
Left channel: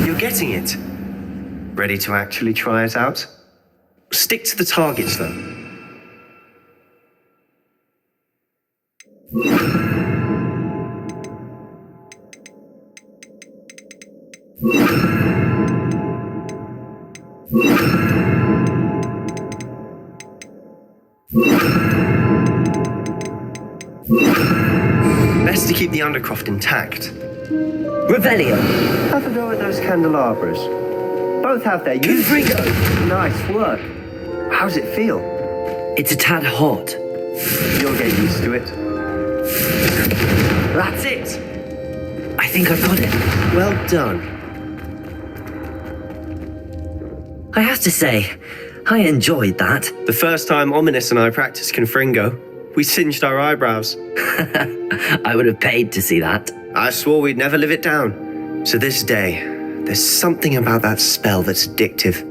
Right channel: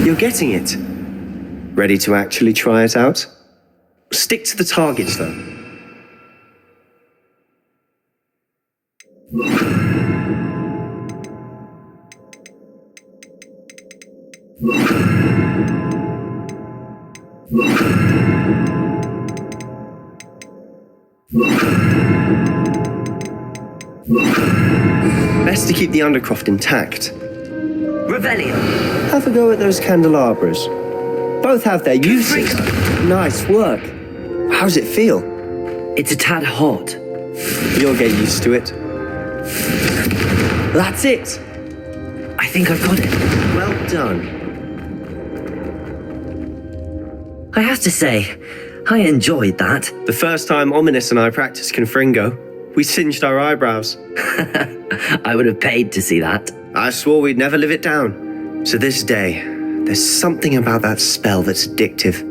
You're getting it. Ready to actually try it out? Stick to the targets, though. best to keep the Undercroft intact. Revelio. Have a go at those candelabras. Both have their uses. Confringo. Nice work. How's it feel? It's a tad hot. You'll get used to it. That's it. I think I've got it. Well done. I have to say, I enjoyed that. The first time Ominis and I practiced Confringo, we singed our eyebrows. I would have paid to see that. I swore we'd never live it down. To this day, there's something about that spell that's addictive.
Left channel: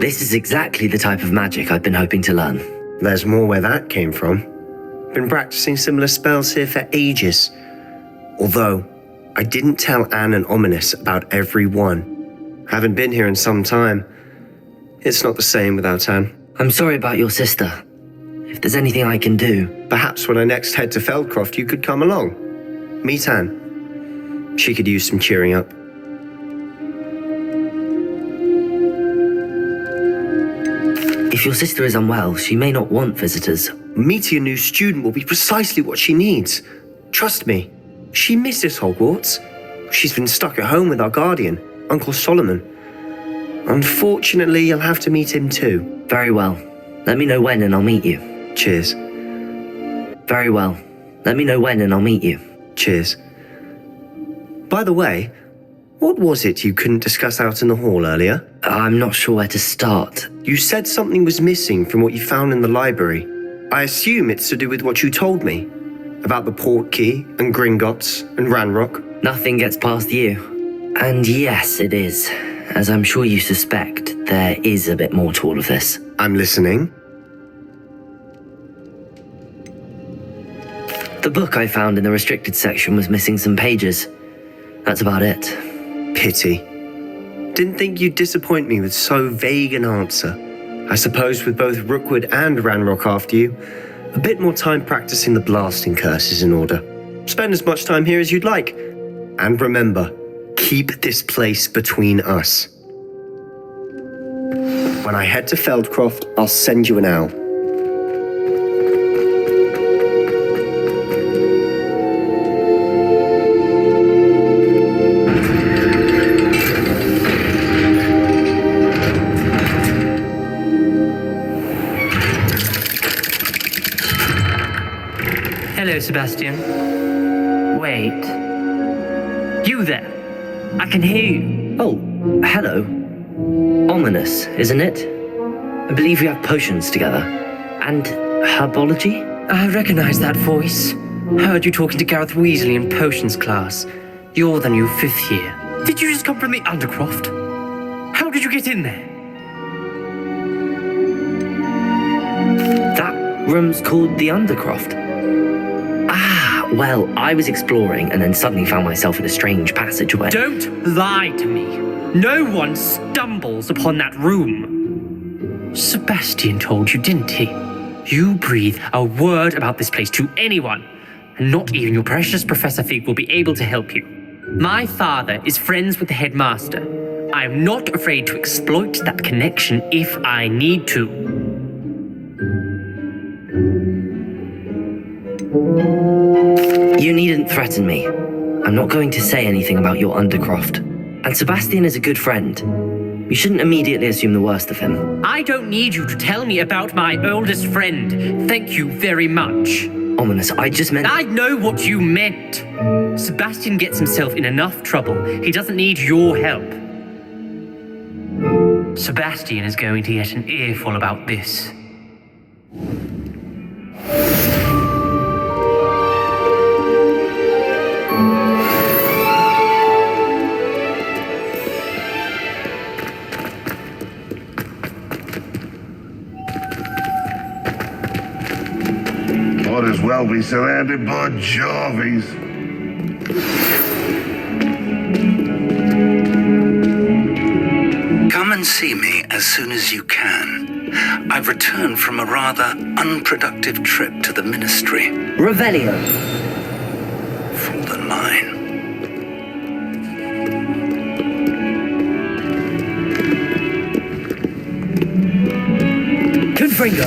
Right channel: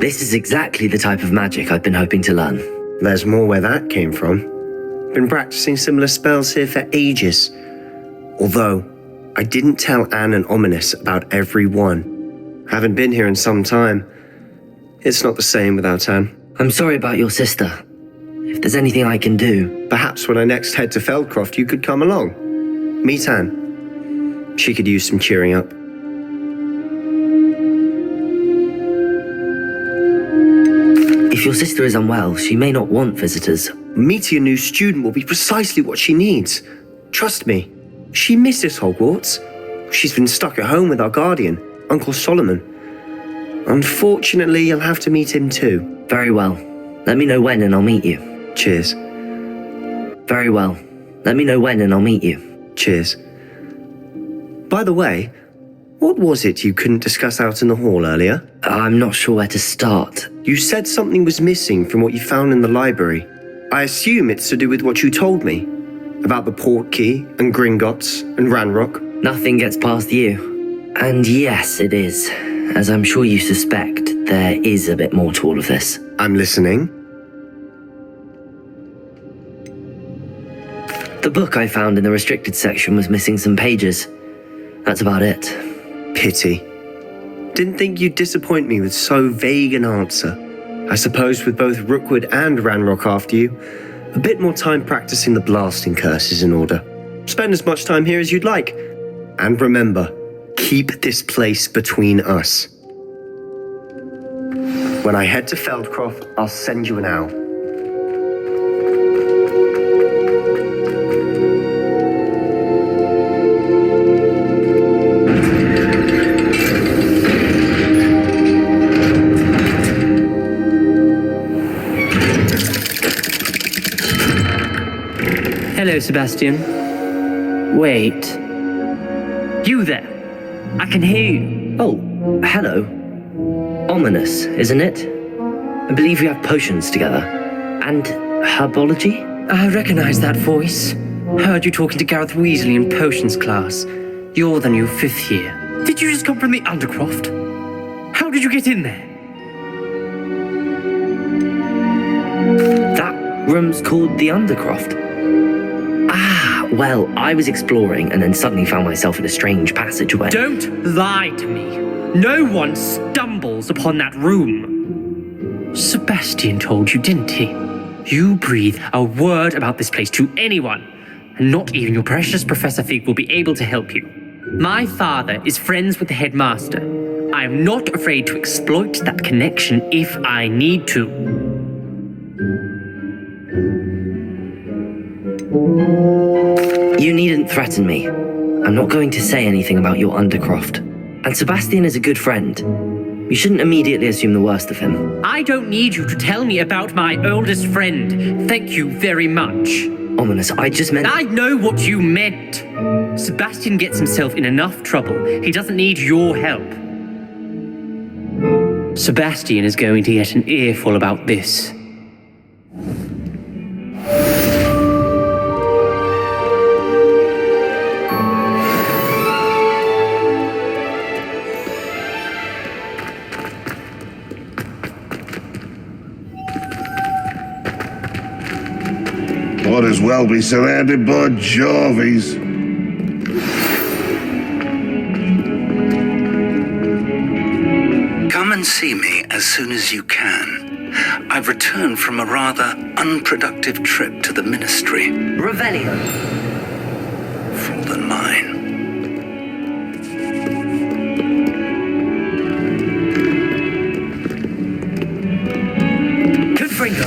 This is exactly the type of magic I've been hoping to learn. There's more where that came from. Been practicing similar spells here for ages. Although, I didn't tell Anne and Ominis about every one. Haven't been here in some time. It's not the same without Anne. I'm sorry about your sister. If there's anything I can do... Perhaps when I next head to Feldcroft, you could come along. Meet Anne. She could use some cheering up. If your sister is unwell, she may not want visitors. Meeting a new student will be precisely what she needs. Trust me. She misses Hogwarts. She's been stuck at home with our guardian, Uncle Solomon. Unfortunately, you'll have to meet him too. Very well. Let me know when and I'll meet you. Cheers. Very well. Let me know when and I'll meet you. Cheers. By the way, what was it you couldn't discuss out in the hall earlier? I'm not sure where to start. You said something was missing from what you found in the library. I assume it's to do with what you told me. About the Portkey and Gringotts and Ranrock. Nothing gets past you. And yes, it is. As I'm sure you suspect, there is a bit more to all of this. I'm listening. The book I found in the restricted section was missing some pages. That's about it. Pity. Didn't think you'd disappoint me with so vague an answer. I suppose with both Rookwood and Ranrock after you, a bit more time practicing the blasting curse is in order. Spend as much time here as you'd like. And remember, keep this place between us. When I head to Feldcroft, I'll send you an owl. Hello, Sebastian. Wait. You there? I can hear you. Oh, hello. Ominis, isn't it? I believe we have potions together. And herbology? I recognize that voice. Heard you talking to Gareth Weasley in potions class. You're the new 5th year. Did you just come from the Undercroft? How did you get in there? That room's called the Undercroft. Ah, well, I was exploring and then suddenly found myself in a strange passageway. Don't lie to me. No one stumbles upon that room. Sebastian told you, didn't he? You breathe a word about this place to anyone, and not even your precious Professor Fig will be able to help you. My father is friends with the headmaster. I am not afraid to exploit that connection if I need to. You needn't threaten me. I'm not going to say anything about your Undercroft. And Sebastian is a good friend. You shouldn't immediately assume the worst of him. I don't need you to tell me about my oldest friend. Thank you very much. Ominis, I just meant... I know what you meant. Sebastian gets himself in enough trouble. He doesn't need your help. Sebastian is going to get an earful about this. Might as well be surrounded by Jarvies. Come and see me as soon as you can. I've returned from a rather unproductive trip to the Ministry. Revelio. Fallen mine. Confringo.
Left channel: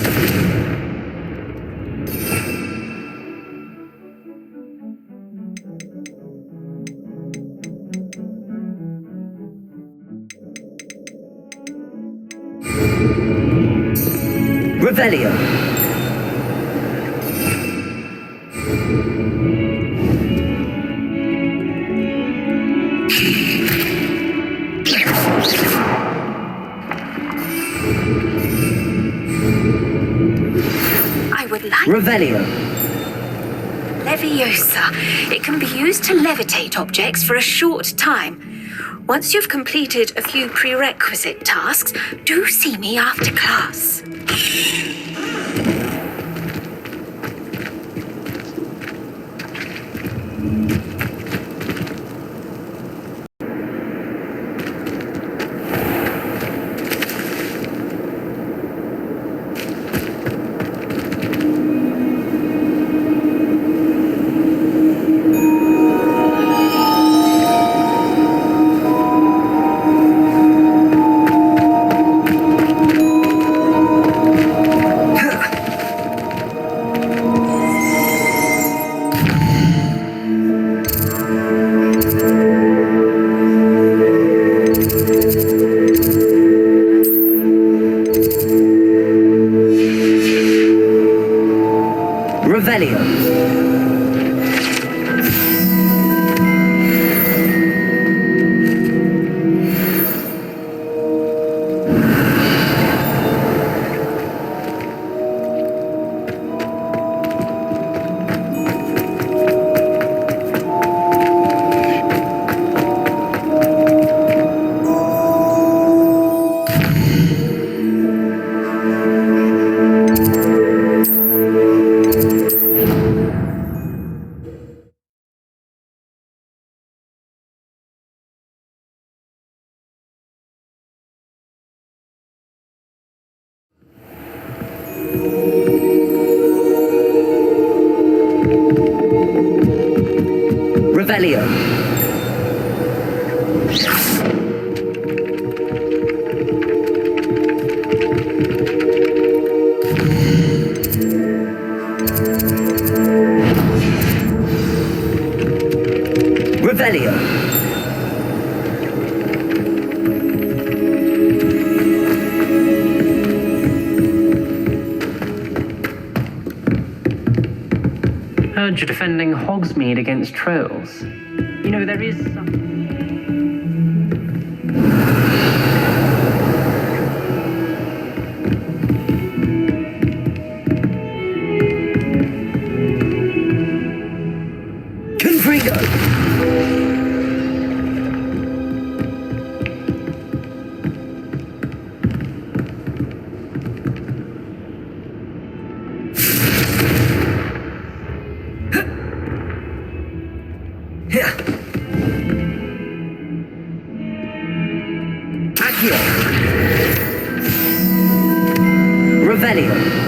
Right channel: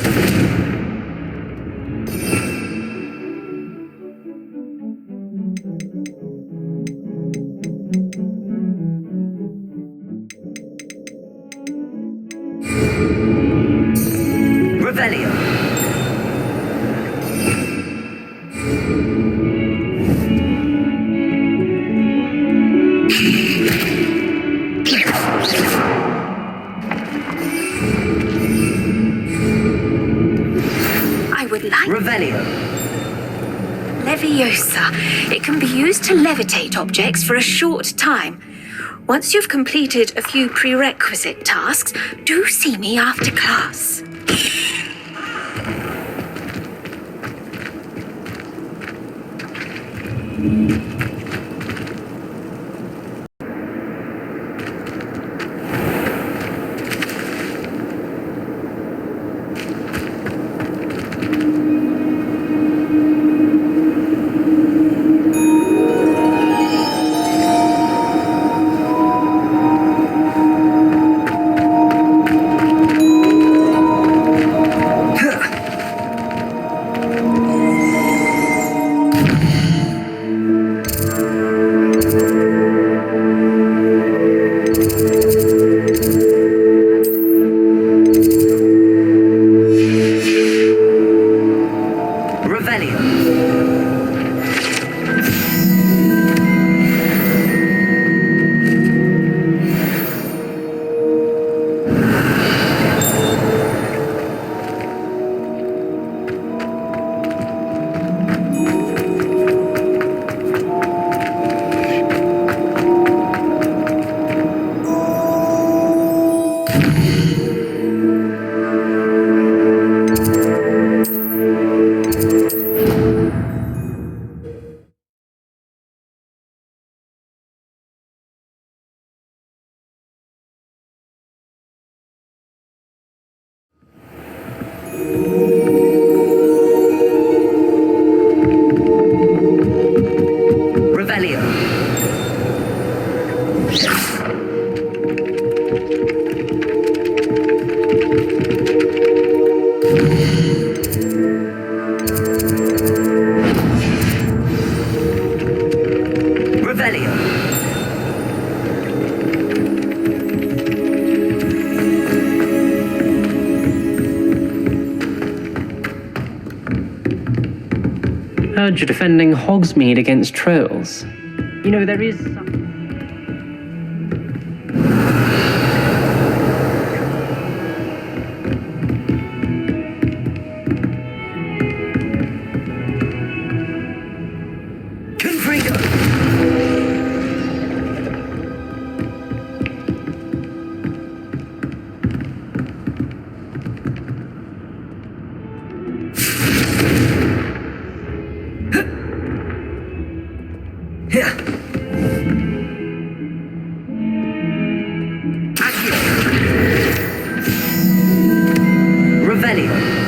Revelio. I would like... Revelio. Leviosa. It can be used to levitate objects for a short time. Once you've completed a few prerequisite tasks, do see me after class. Revelio. Revelio. Revelio. Heard you're defending Hogsmeade against trolls. You know, there is some... Confringo! Revelio.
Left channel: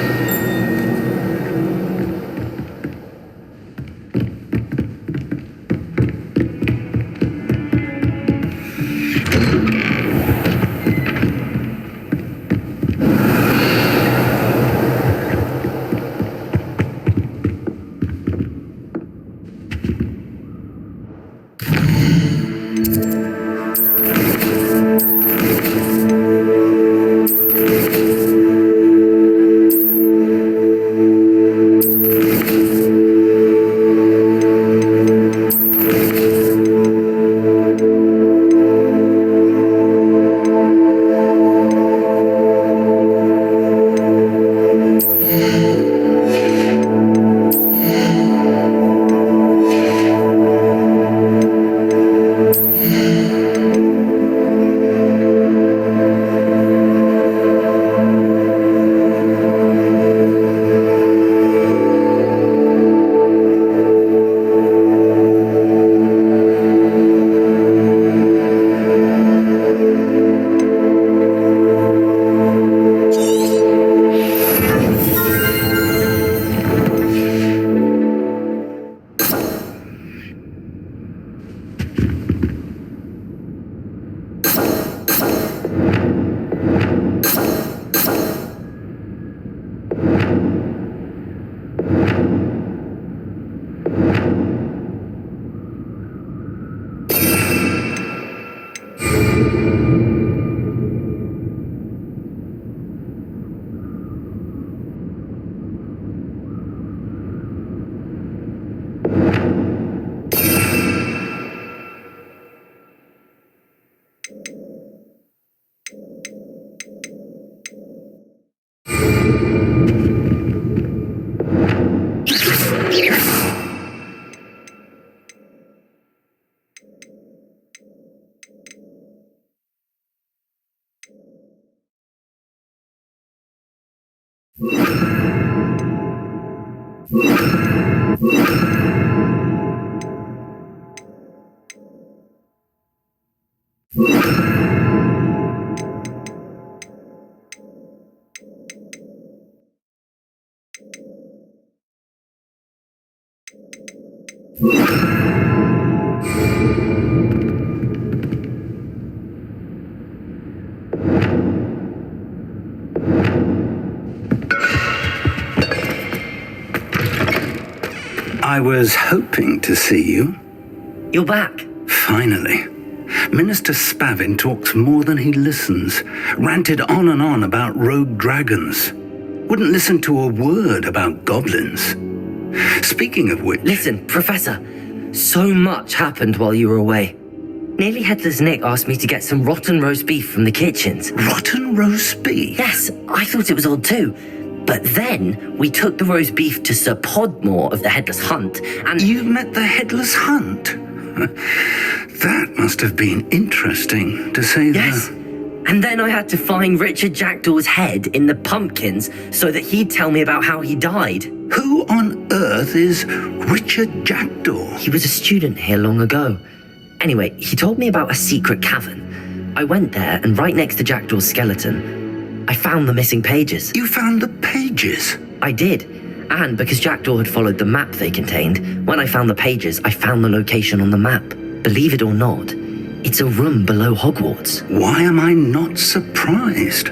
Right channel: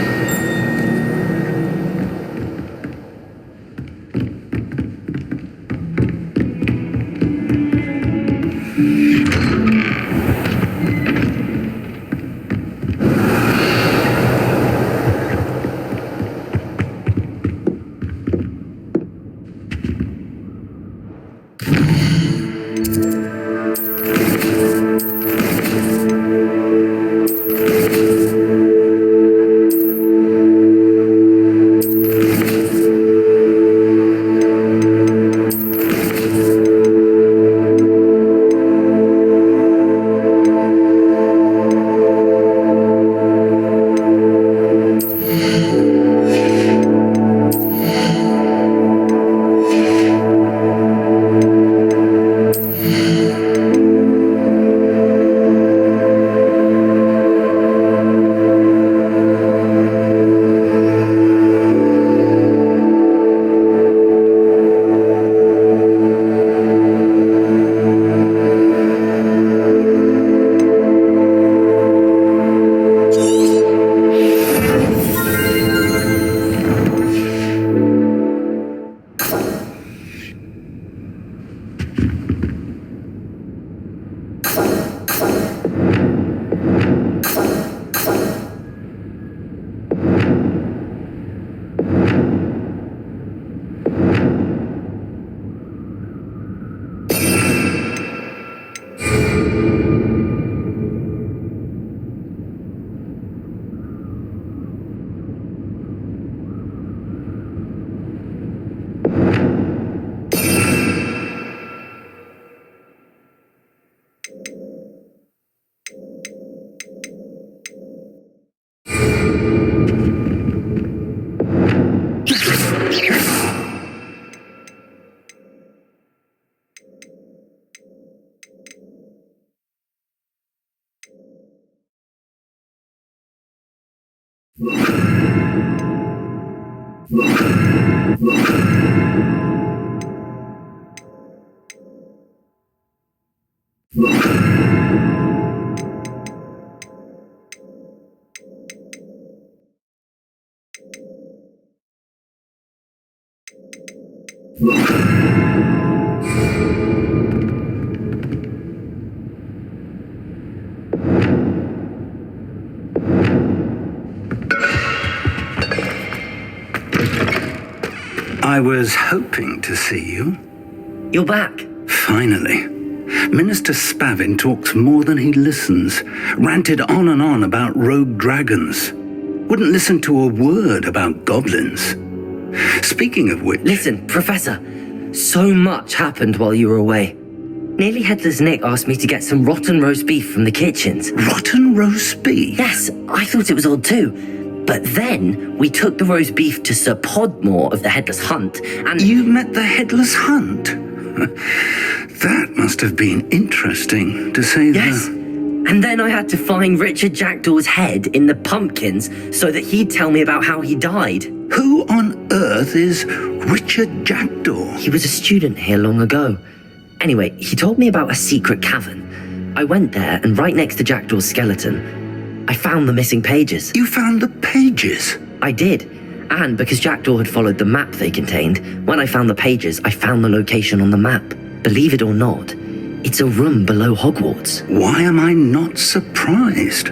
I was hoping to see you. You're back. Finally. Minister Spavin talks more than he listens. Ranted on and on about rogue dragons. Wouldn't listen to a word about goblins. Speaking of which... Listen, Professor. So much happened while you were away. Nearly Headless Nick asked me to get some rotten roast beef from the kitchens. Rotten roast beef? Yes, I thought it was odd too. But then we took the roast beef to Sir Podmore of the Headless Hunt, and... You met the Headless Hunt? That must have been interesting, to say the... Yes. And then I had to find Richard Jackdaw's head in the pumpkins so that he'd tell me about how he died. Who on earth is Richard Jackdaw? He was a student here long ago. Anyway, he told me about a secret cavern. I went there, and right next to Jackdaw's skeleton, I found the missing pages. You found the pages? I did. And because Jackdaw had followed the map they contained, when I found the pages, I found the location on the map. Believe it or not, it's a room below Hogwarts. Why am I not surprised?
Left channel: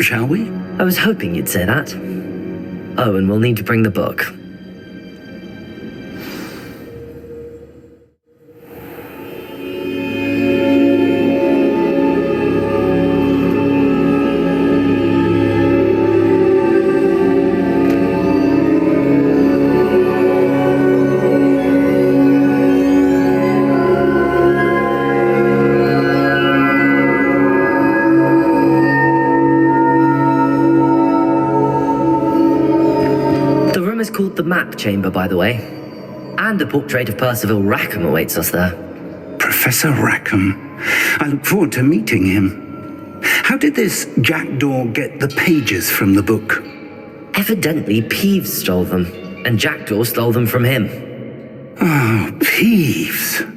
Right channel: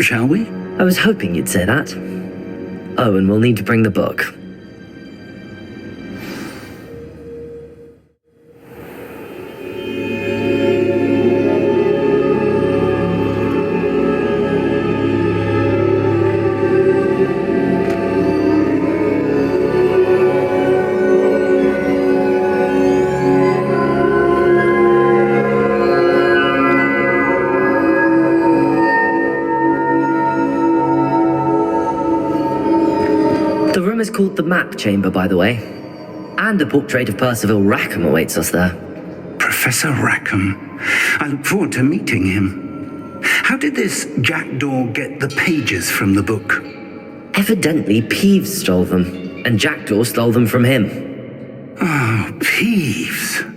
Shall we? I was hoping you'd say that. Oh, and we'll need to bring the book. The room is called the Map Chamber, by the way. And a portrait of Percival Rackham awaits us there. Professor Rackham. I look forward to meeting him. How did this Jackdaw get the pages from the book? Evidently, Peeves stole them, and Jackdaw stole them from him. Oh, Peeves.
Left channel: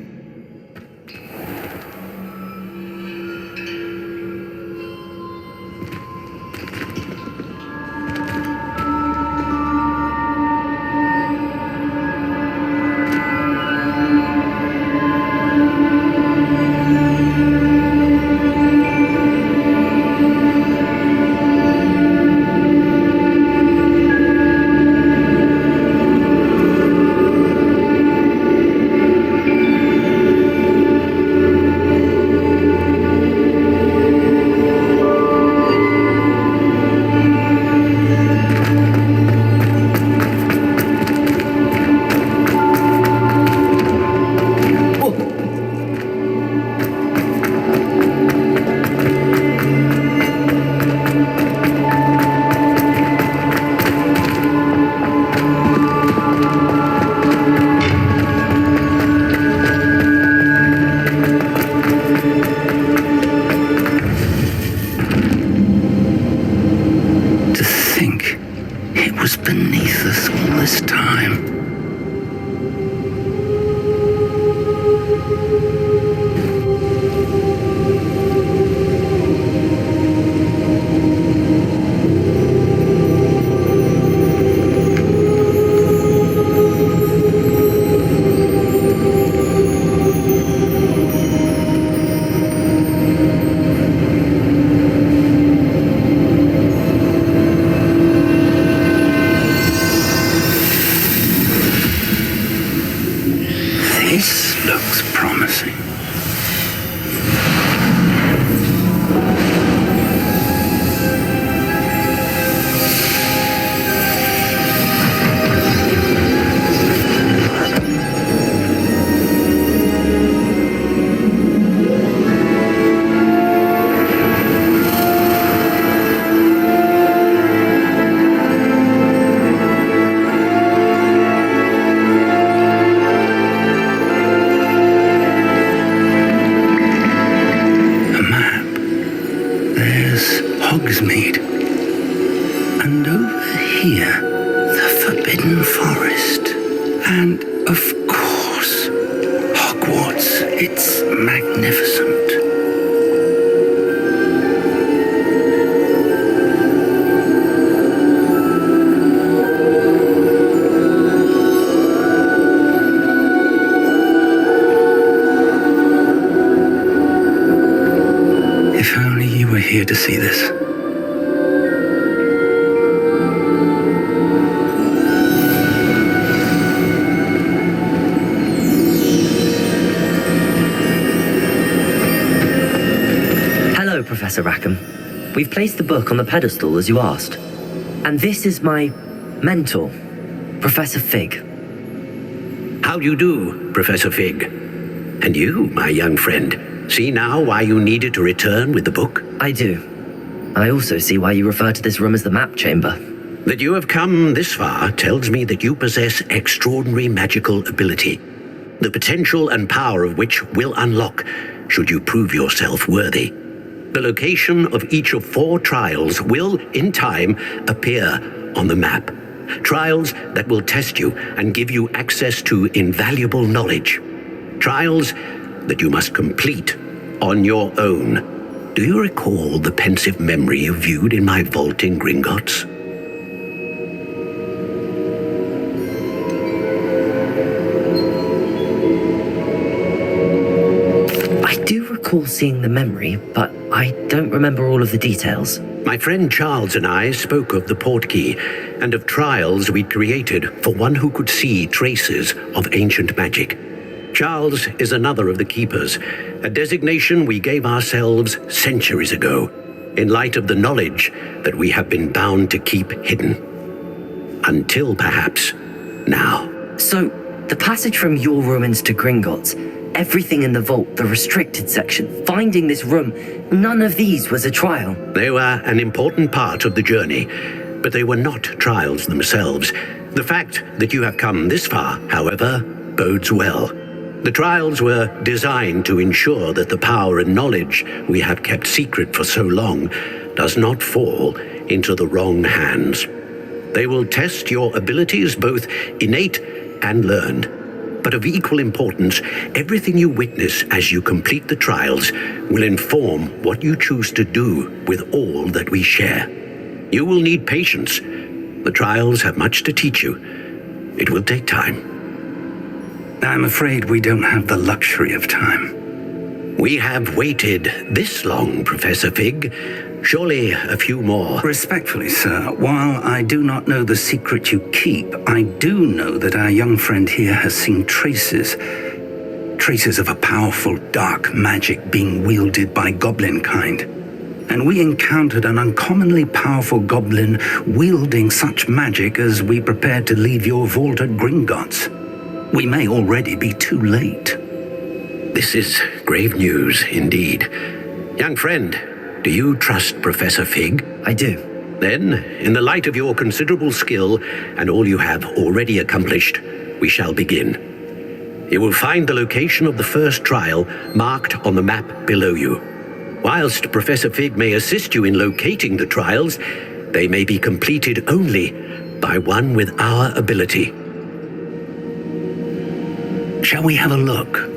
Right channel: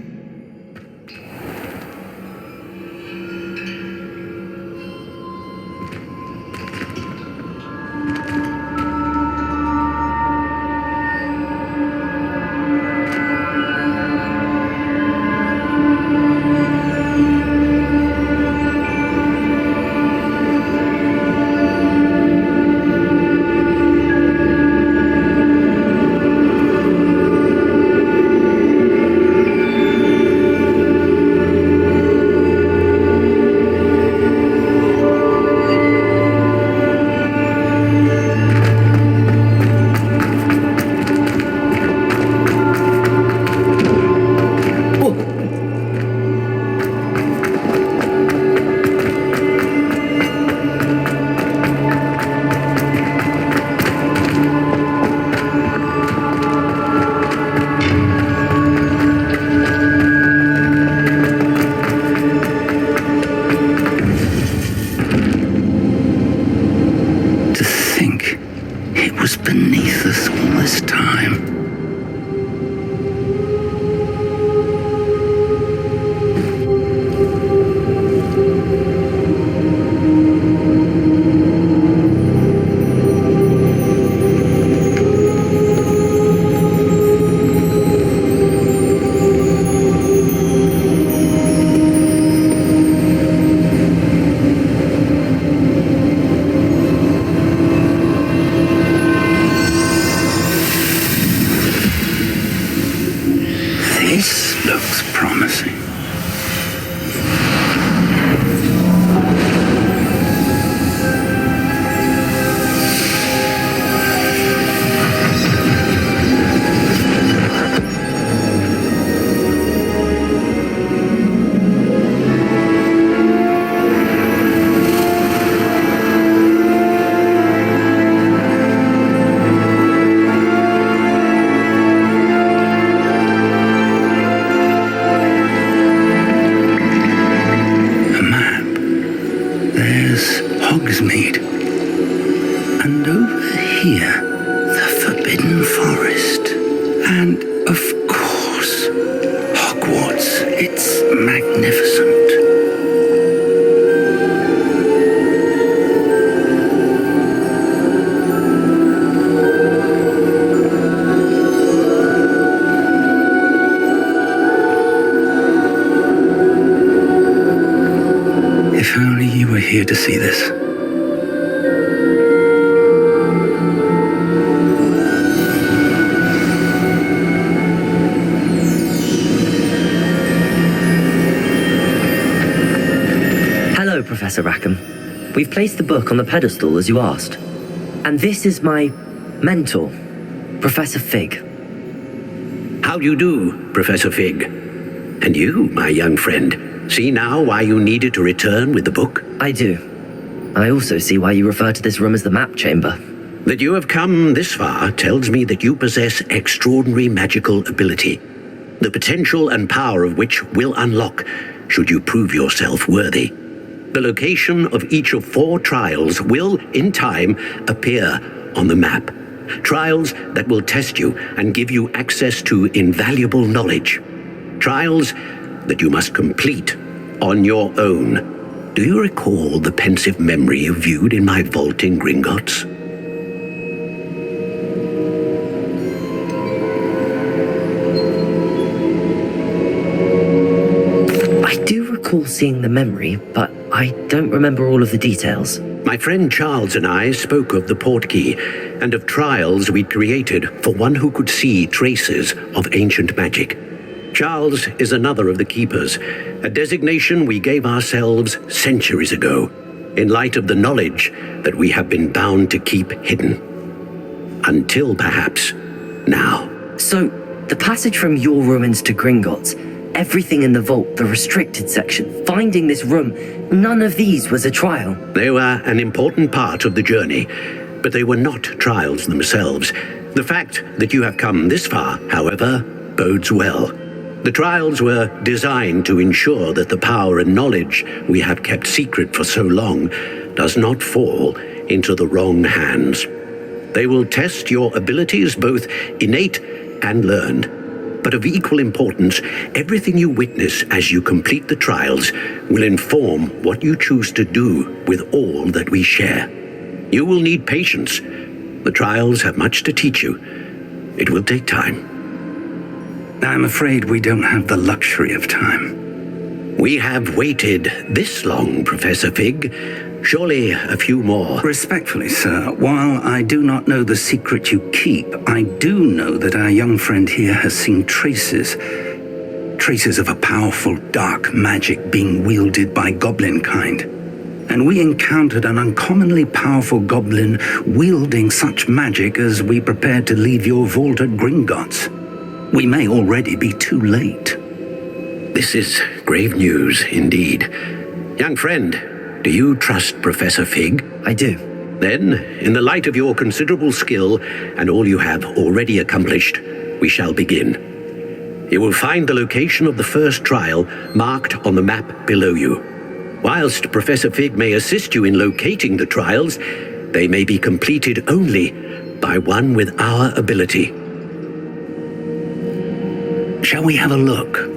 Beneath us all this time. This looks promising. Hogsmeade. A And over here, the Forbidden Forest. And, of course, Hogwarts. It's magnificent. If only you were here to see this. Hello, Professor Rackham. We've placed the book on the pedestal as you asked. And this is my mentor, Professor Fig. How do you do, Professor Fig? And you, my young friend, see now why you needed to return with the book? I do. I also see why you refer to this room as the map chamber. That you have come this far tells me that you possess extraordinary magical ability, the potential and power of which will unlock should you prove yourself worthy. The location of each of 4 trials will, in time, appear on the map. Trials that will test you and give you access to invaluable knowledge. Trials that you must complete on your own. Do you recall the pensive memory you viewed in my vault in Gringotts? I do recall seeing the memory, but I don't remember all of the details. My friend Charles and I spoke of the portkey and of trials we'd created for one who could see traces of ancient magic. Charles is another of the keepers, a designation we gave ourselves centuries ago, in light of the knowledge that we have been bound to keep hidden. Until perhaps now. So, the passage from your ruins to Gringotts, everything in the vault, the restricted section, finding this room, none of these was a trial. They were an important part of the journey, but they were not trials themselves. The fact that you have come this far, however, bodes well. The trials were designed to ensure that the power and knowledge we have kept secret for so long does not fall into the wrong hands. They will test your abilities, both innate and learned. But of equal importance, everything you witness as you complete the trials will inform what you choose to do with all that we share. You will need patience. The trials have much to teach you. It will take time. I'm afraid we don't have the luxury of time. We have waited this long, Professor Fig. Surely a few more. Respectfully, sir, while I do not know the secret you keep, I do know that our young friend here has seen traces of a powerful dark magic being wielded by goblin kind. And we encountered an uncommonly powerful goblin wielding such magic as we prepared to leave your vault at Gringotts. We may already be too late. This is grave news indeed. Young friend, do you trust Professor Fig? I do. Then, in the light of your considerable skill and all you have already accomplished, we shall begin. You will find the location of the first trial marked on the map below you. Whilst Professor Fig may assist you in locating the trials, they may be completed only by one with our ability. Shall we have a look?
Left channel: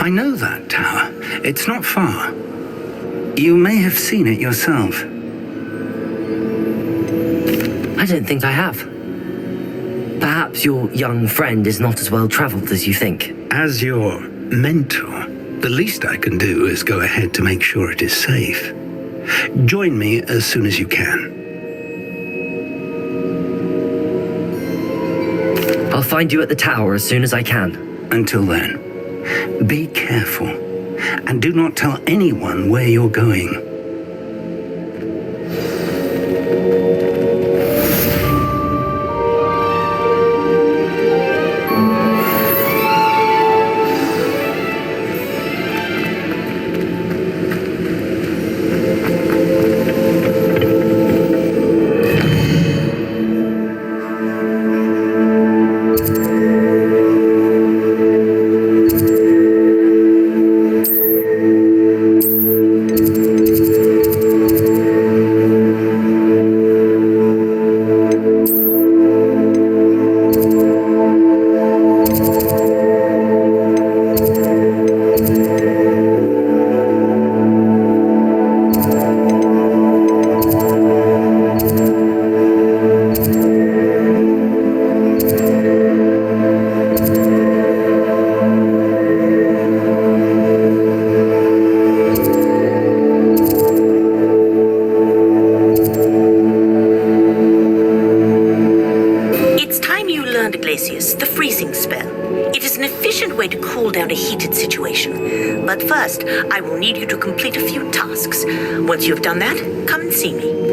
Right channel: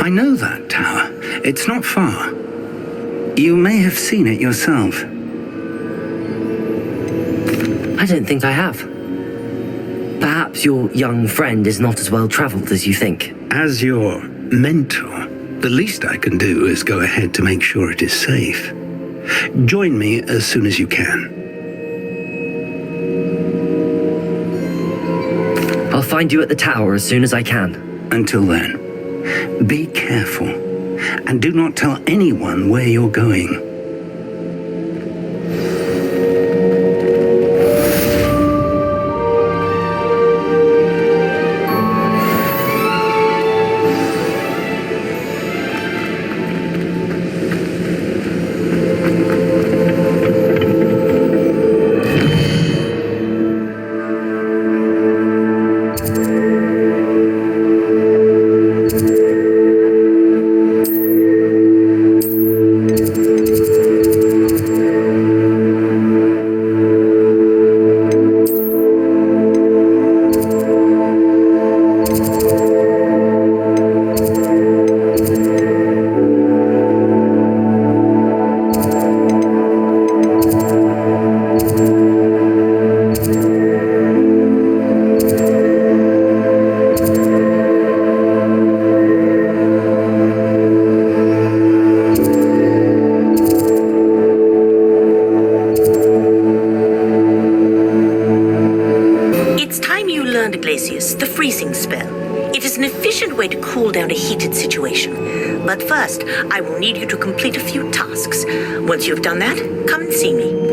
I know that tower. It's not far. You may have seen it yourself. I don't think I have. Perhaps your young friend is not as well traveled as you think. As your mentor, the least I can do is go ahead to make sure it is safe. Join me as soon as you can. I'll find you at the tower as soon as I can. Until then, be careful, and do not tell anyone where you're going. learned, Iglesias, the freezing spell. It is an efficient way to cool down a heated situation. But first, I will need you to complete a few tasks. Once you have done that, come and see me.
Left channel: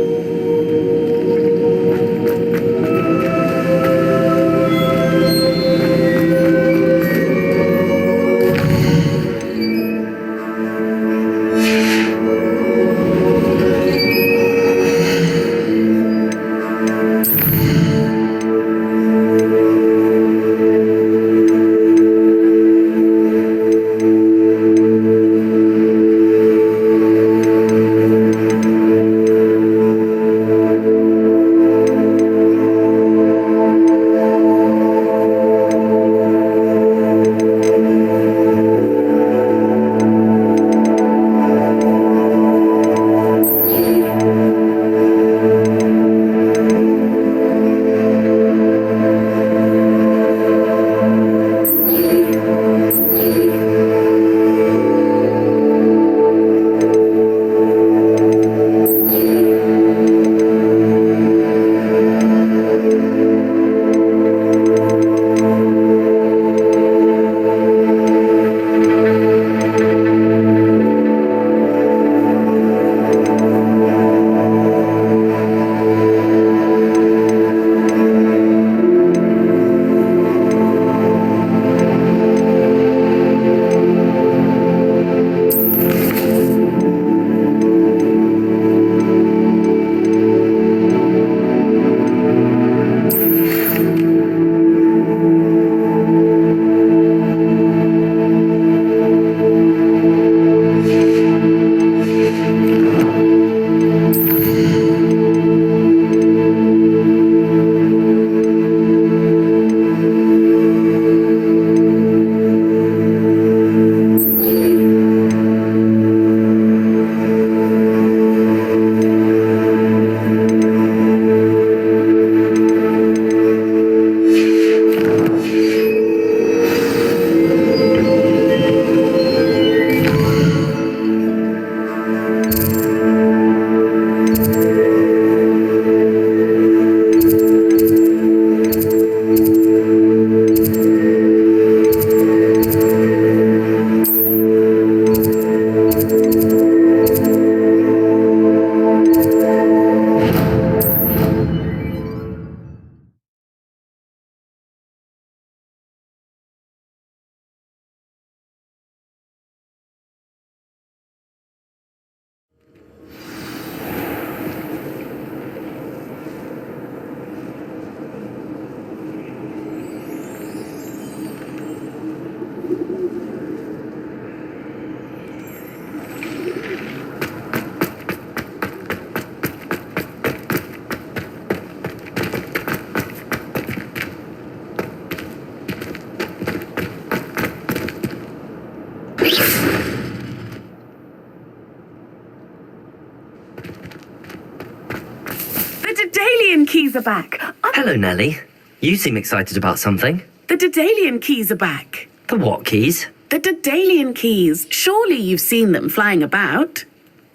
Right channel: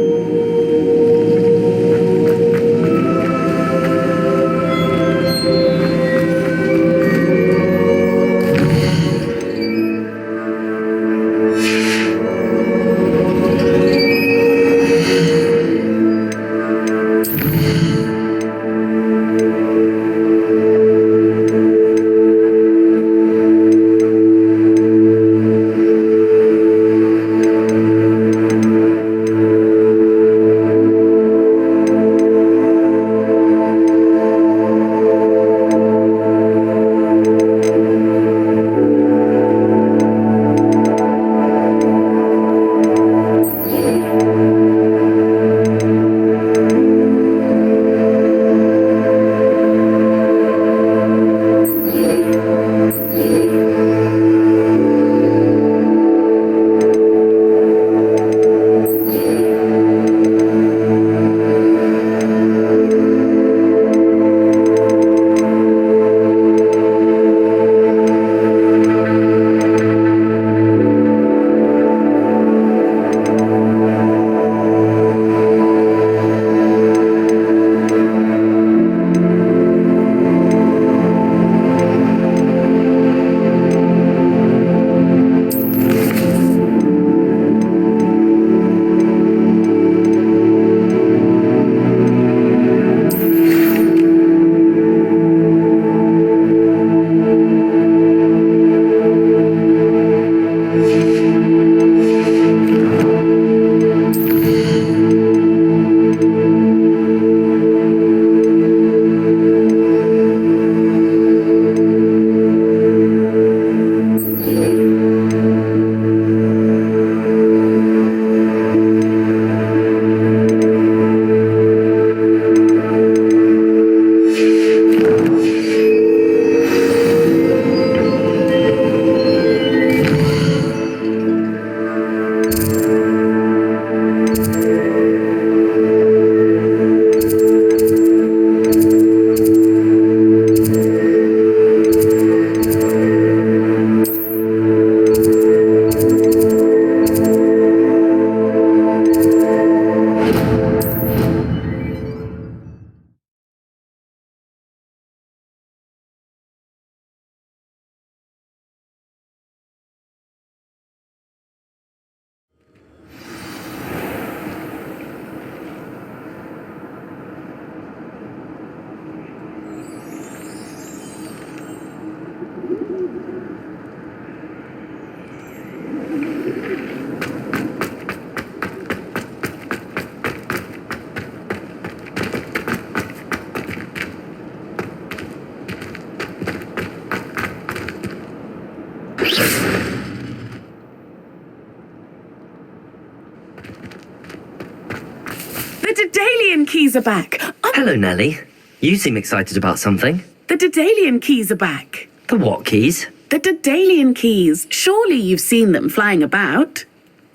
The Daedalian keys are back. Hello, Nellie. You seem excited about something. The Daedalian keys are back. The what keys? The Daedalian keys. Surely you've seen them flying about.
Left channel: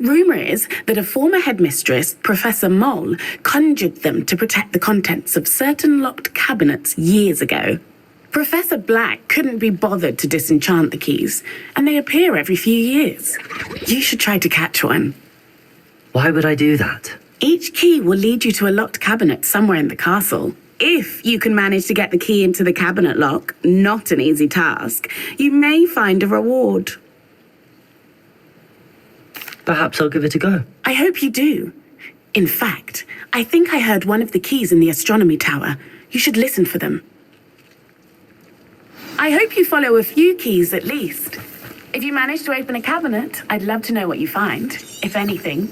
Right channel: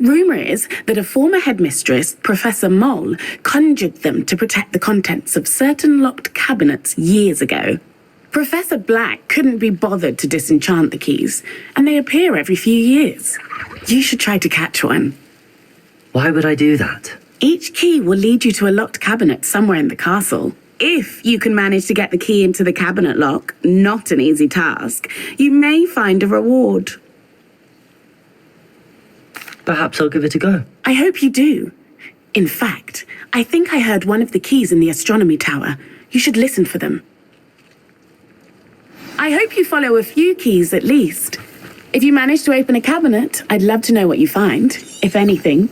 Rumour is that a former headmistress, Professor Moll, conjured them to protect the contents of certain locked cabinets years ago. Professor Black couldn't be bothered to disenchant the keys, and they appear every few years. You should try to catch one. Why would I do that? Each key will lead you to a locked cabinet somewhere in the castle. If you can manage to get the key into the cabinet lock, not an easy task, you may find a reward. Perhaps I'll give it a go. I hope you do. In fact, I think I heard one of the keys in the astronomy tower. You should listen for them. I hope you follow a few keys at least. If you manage to open a cabinet, I'd love to know what you find, if anything.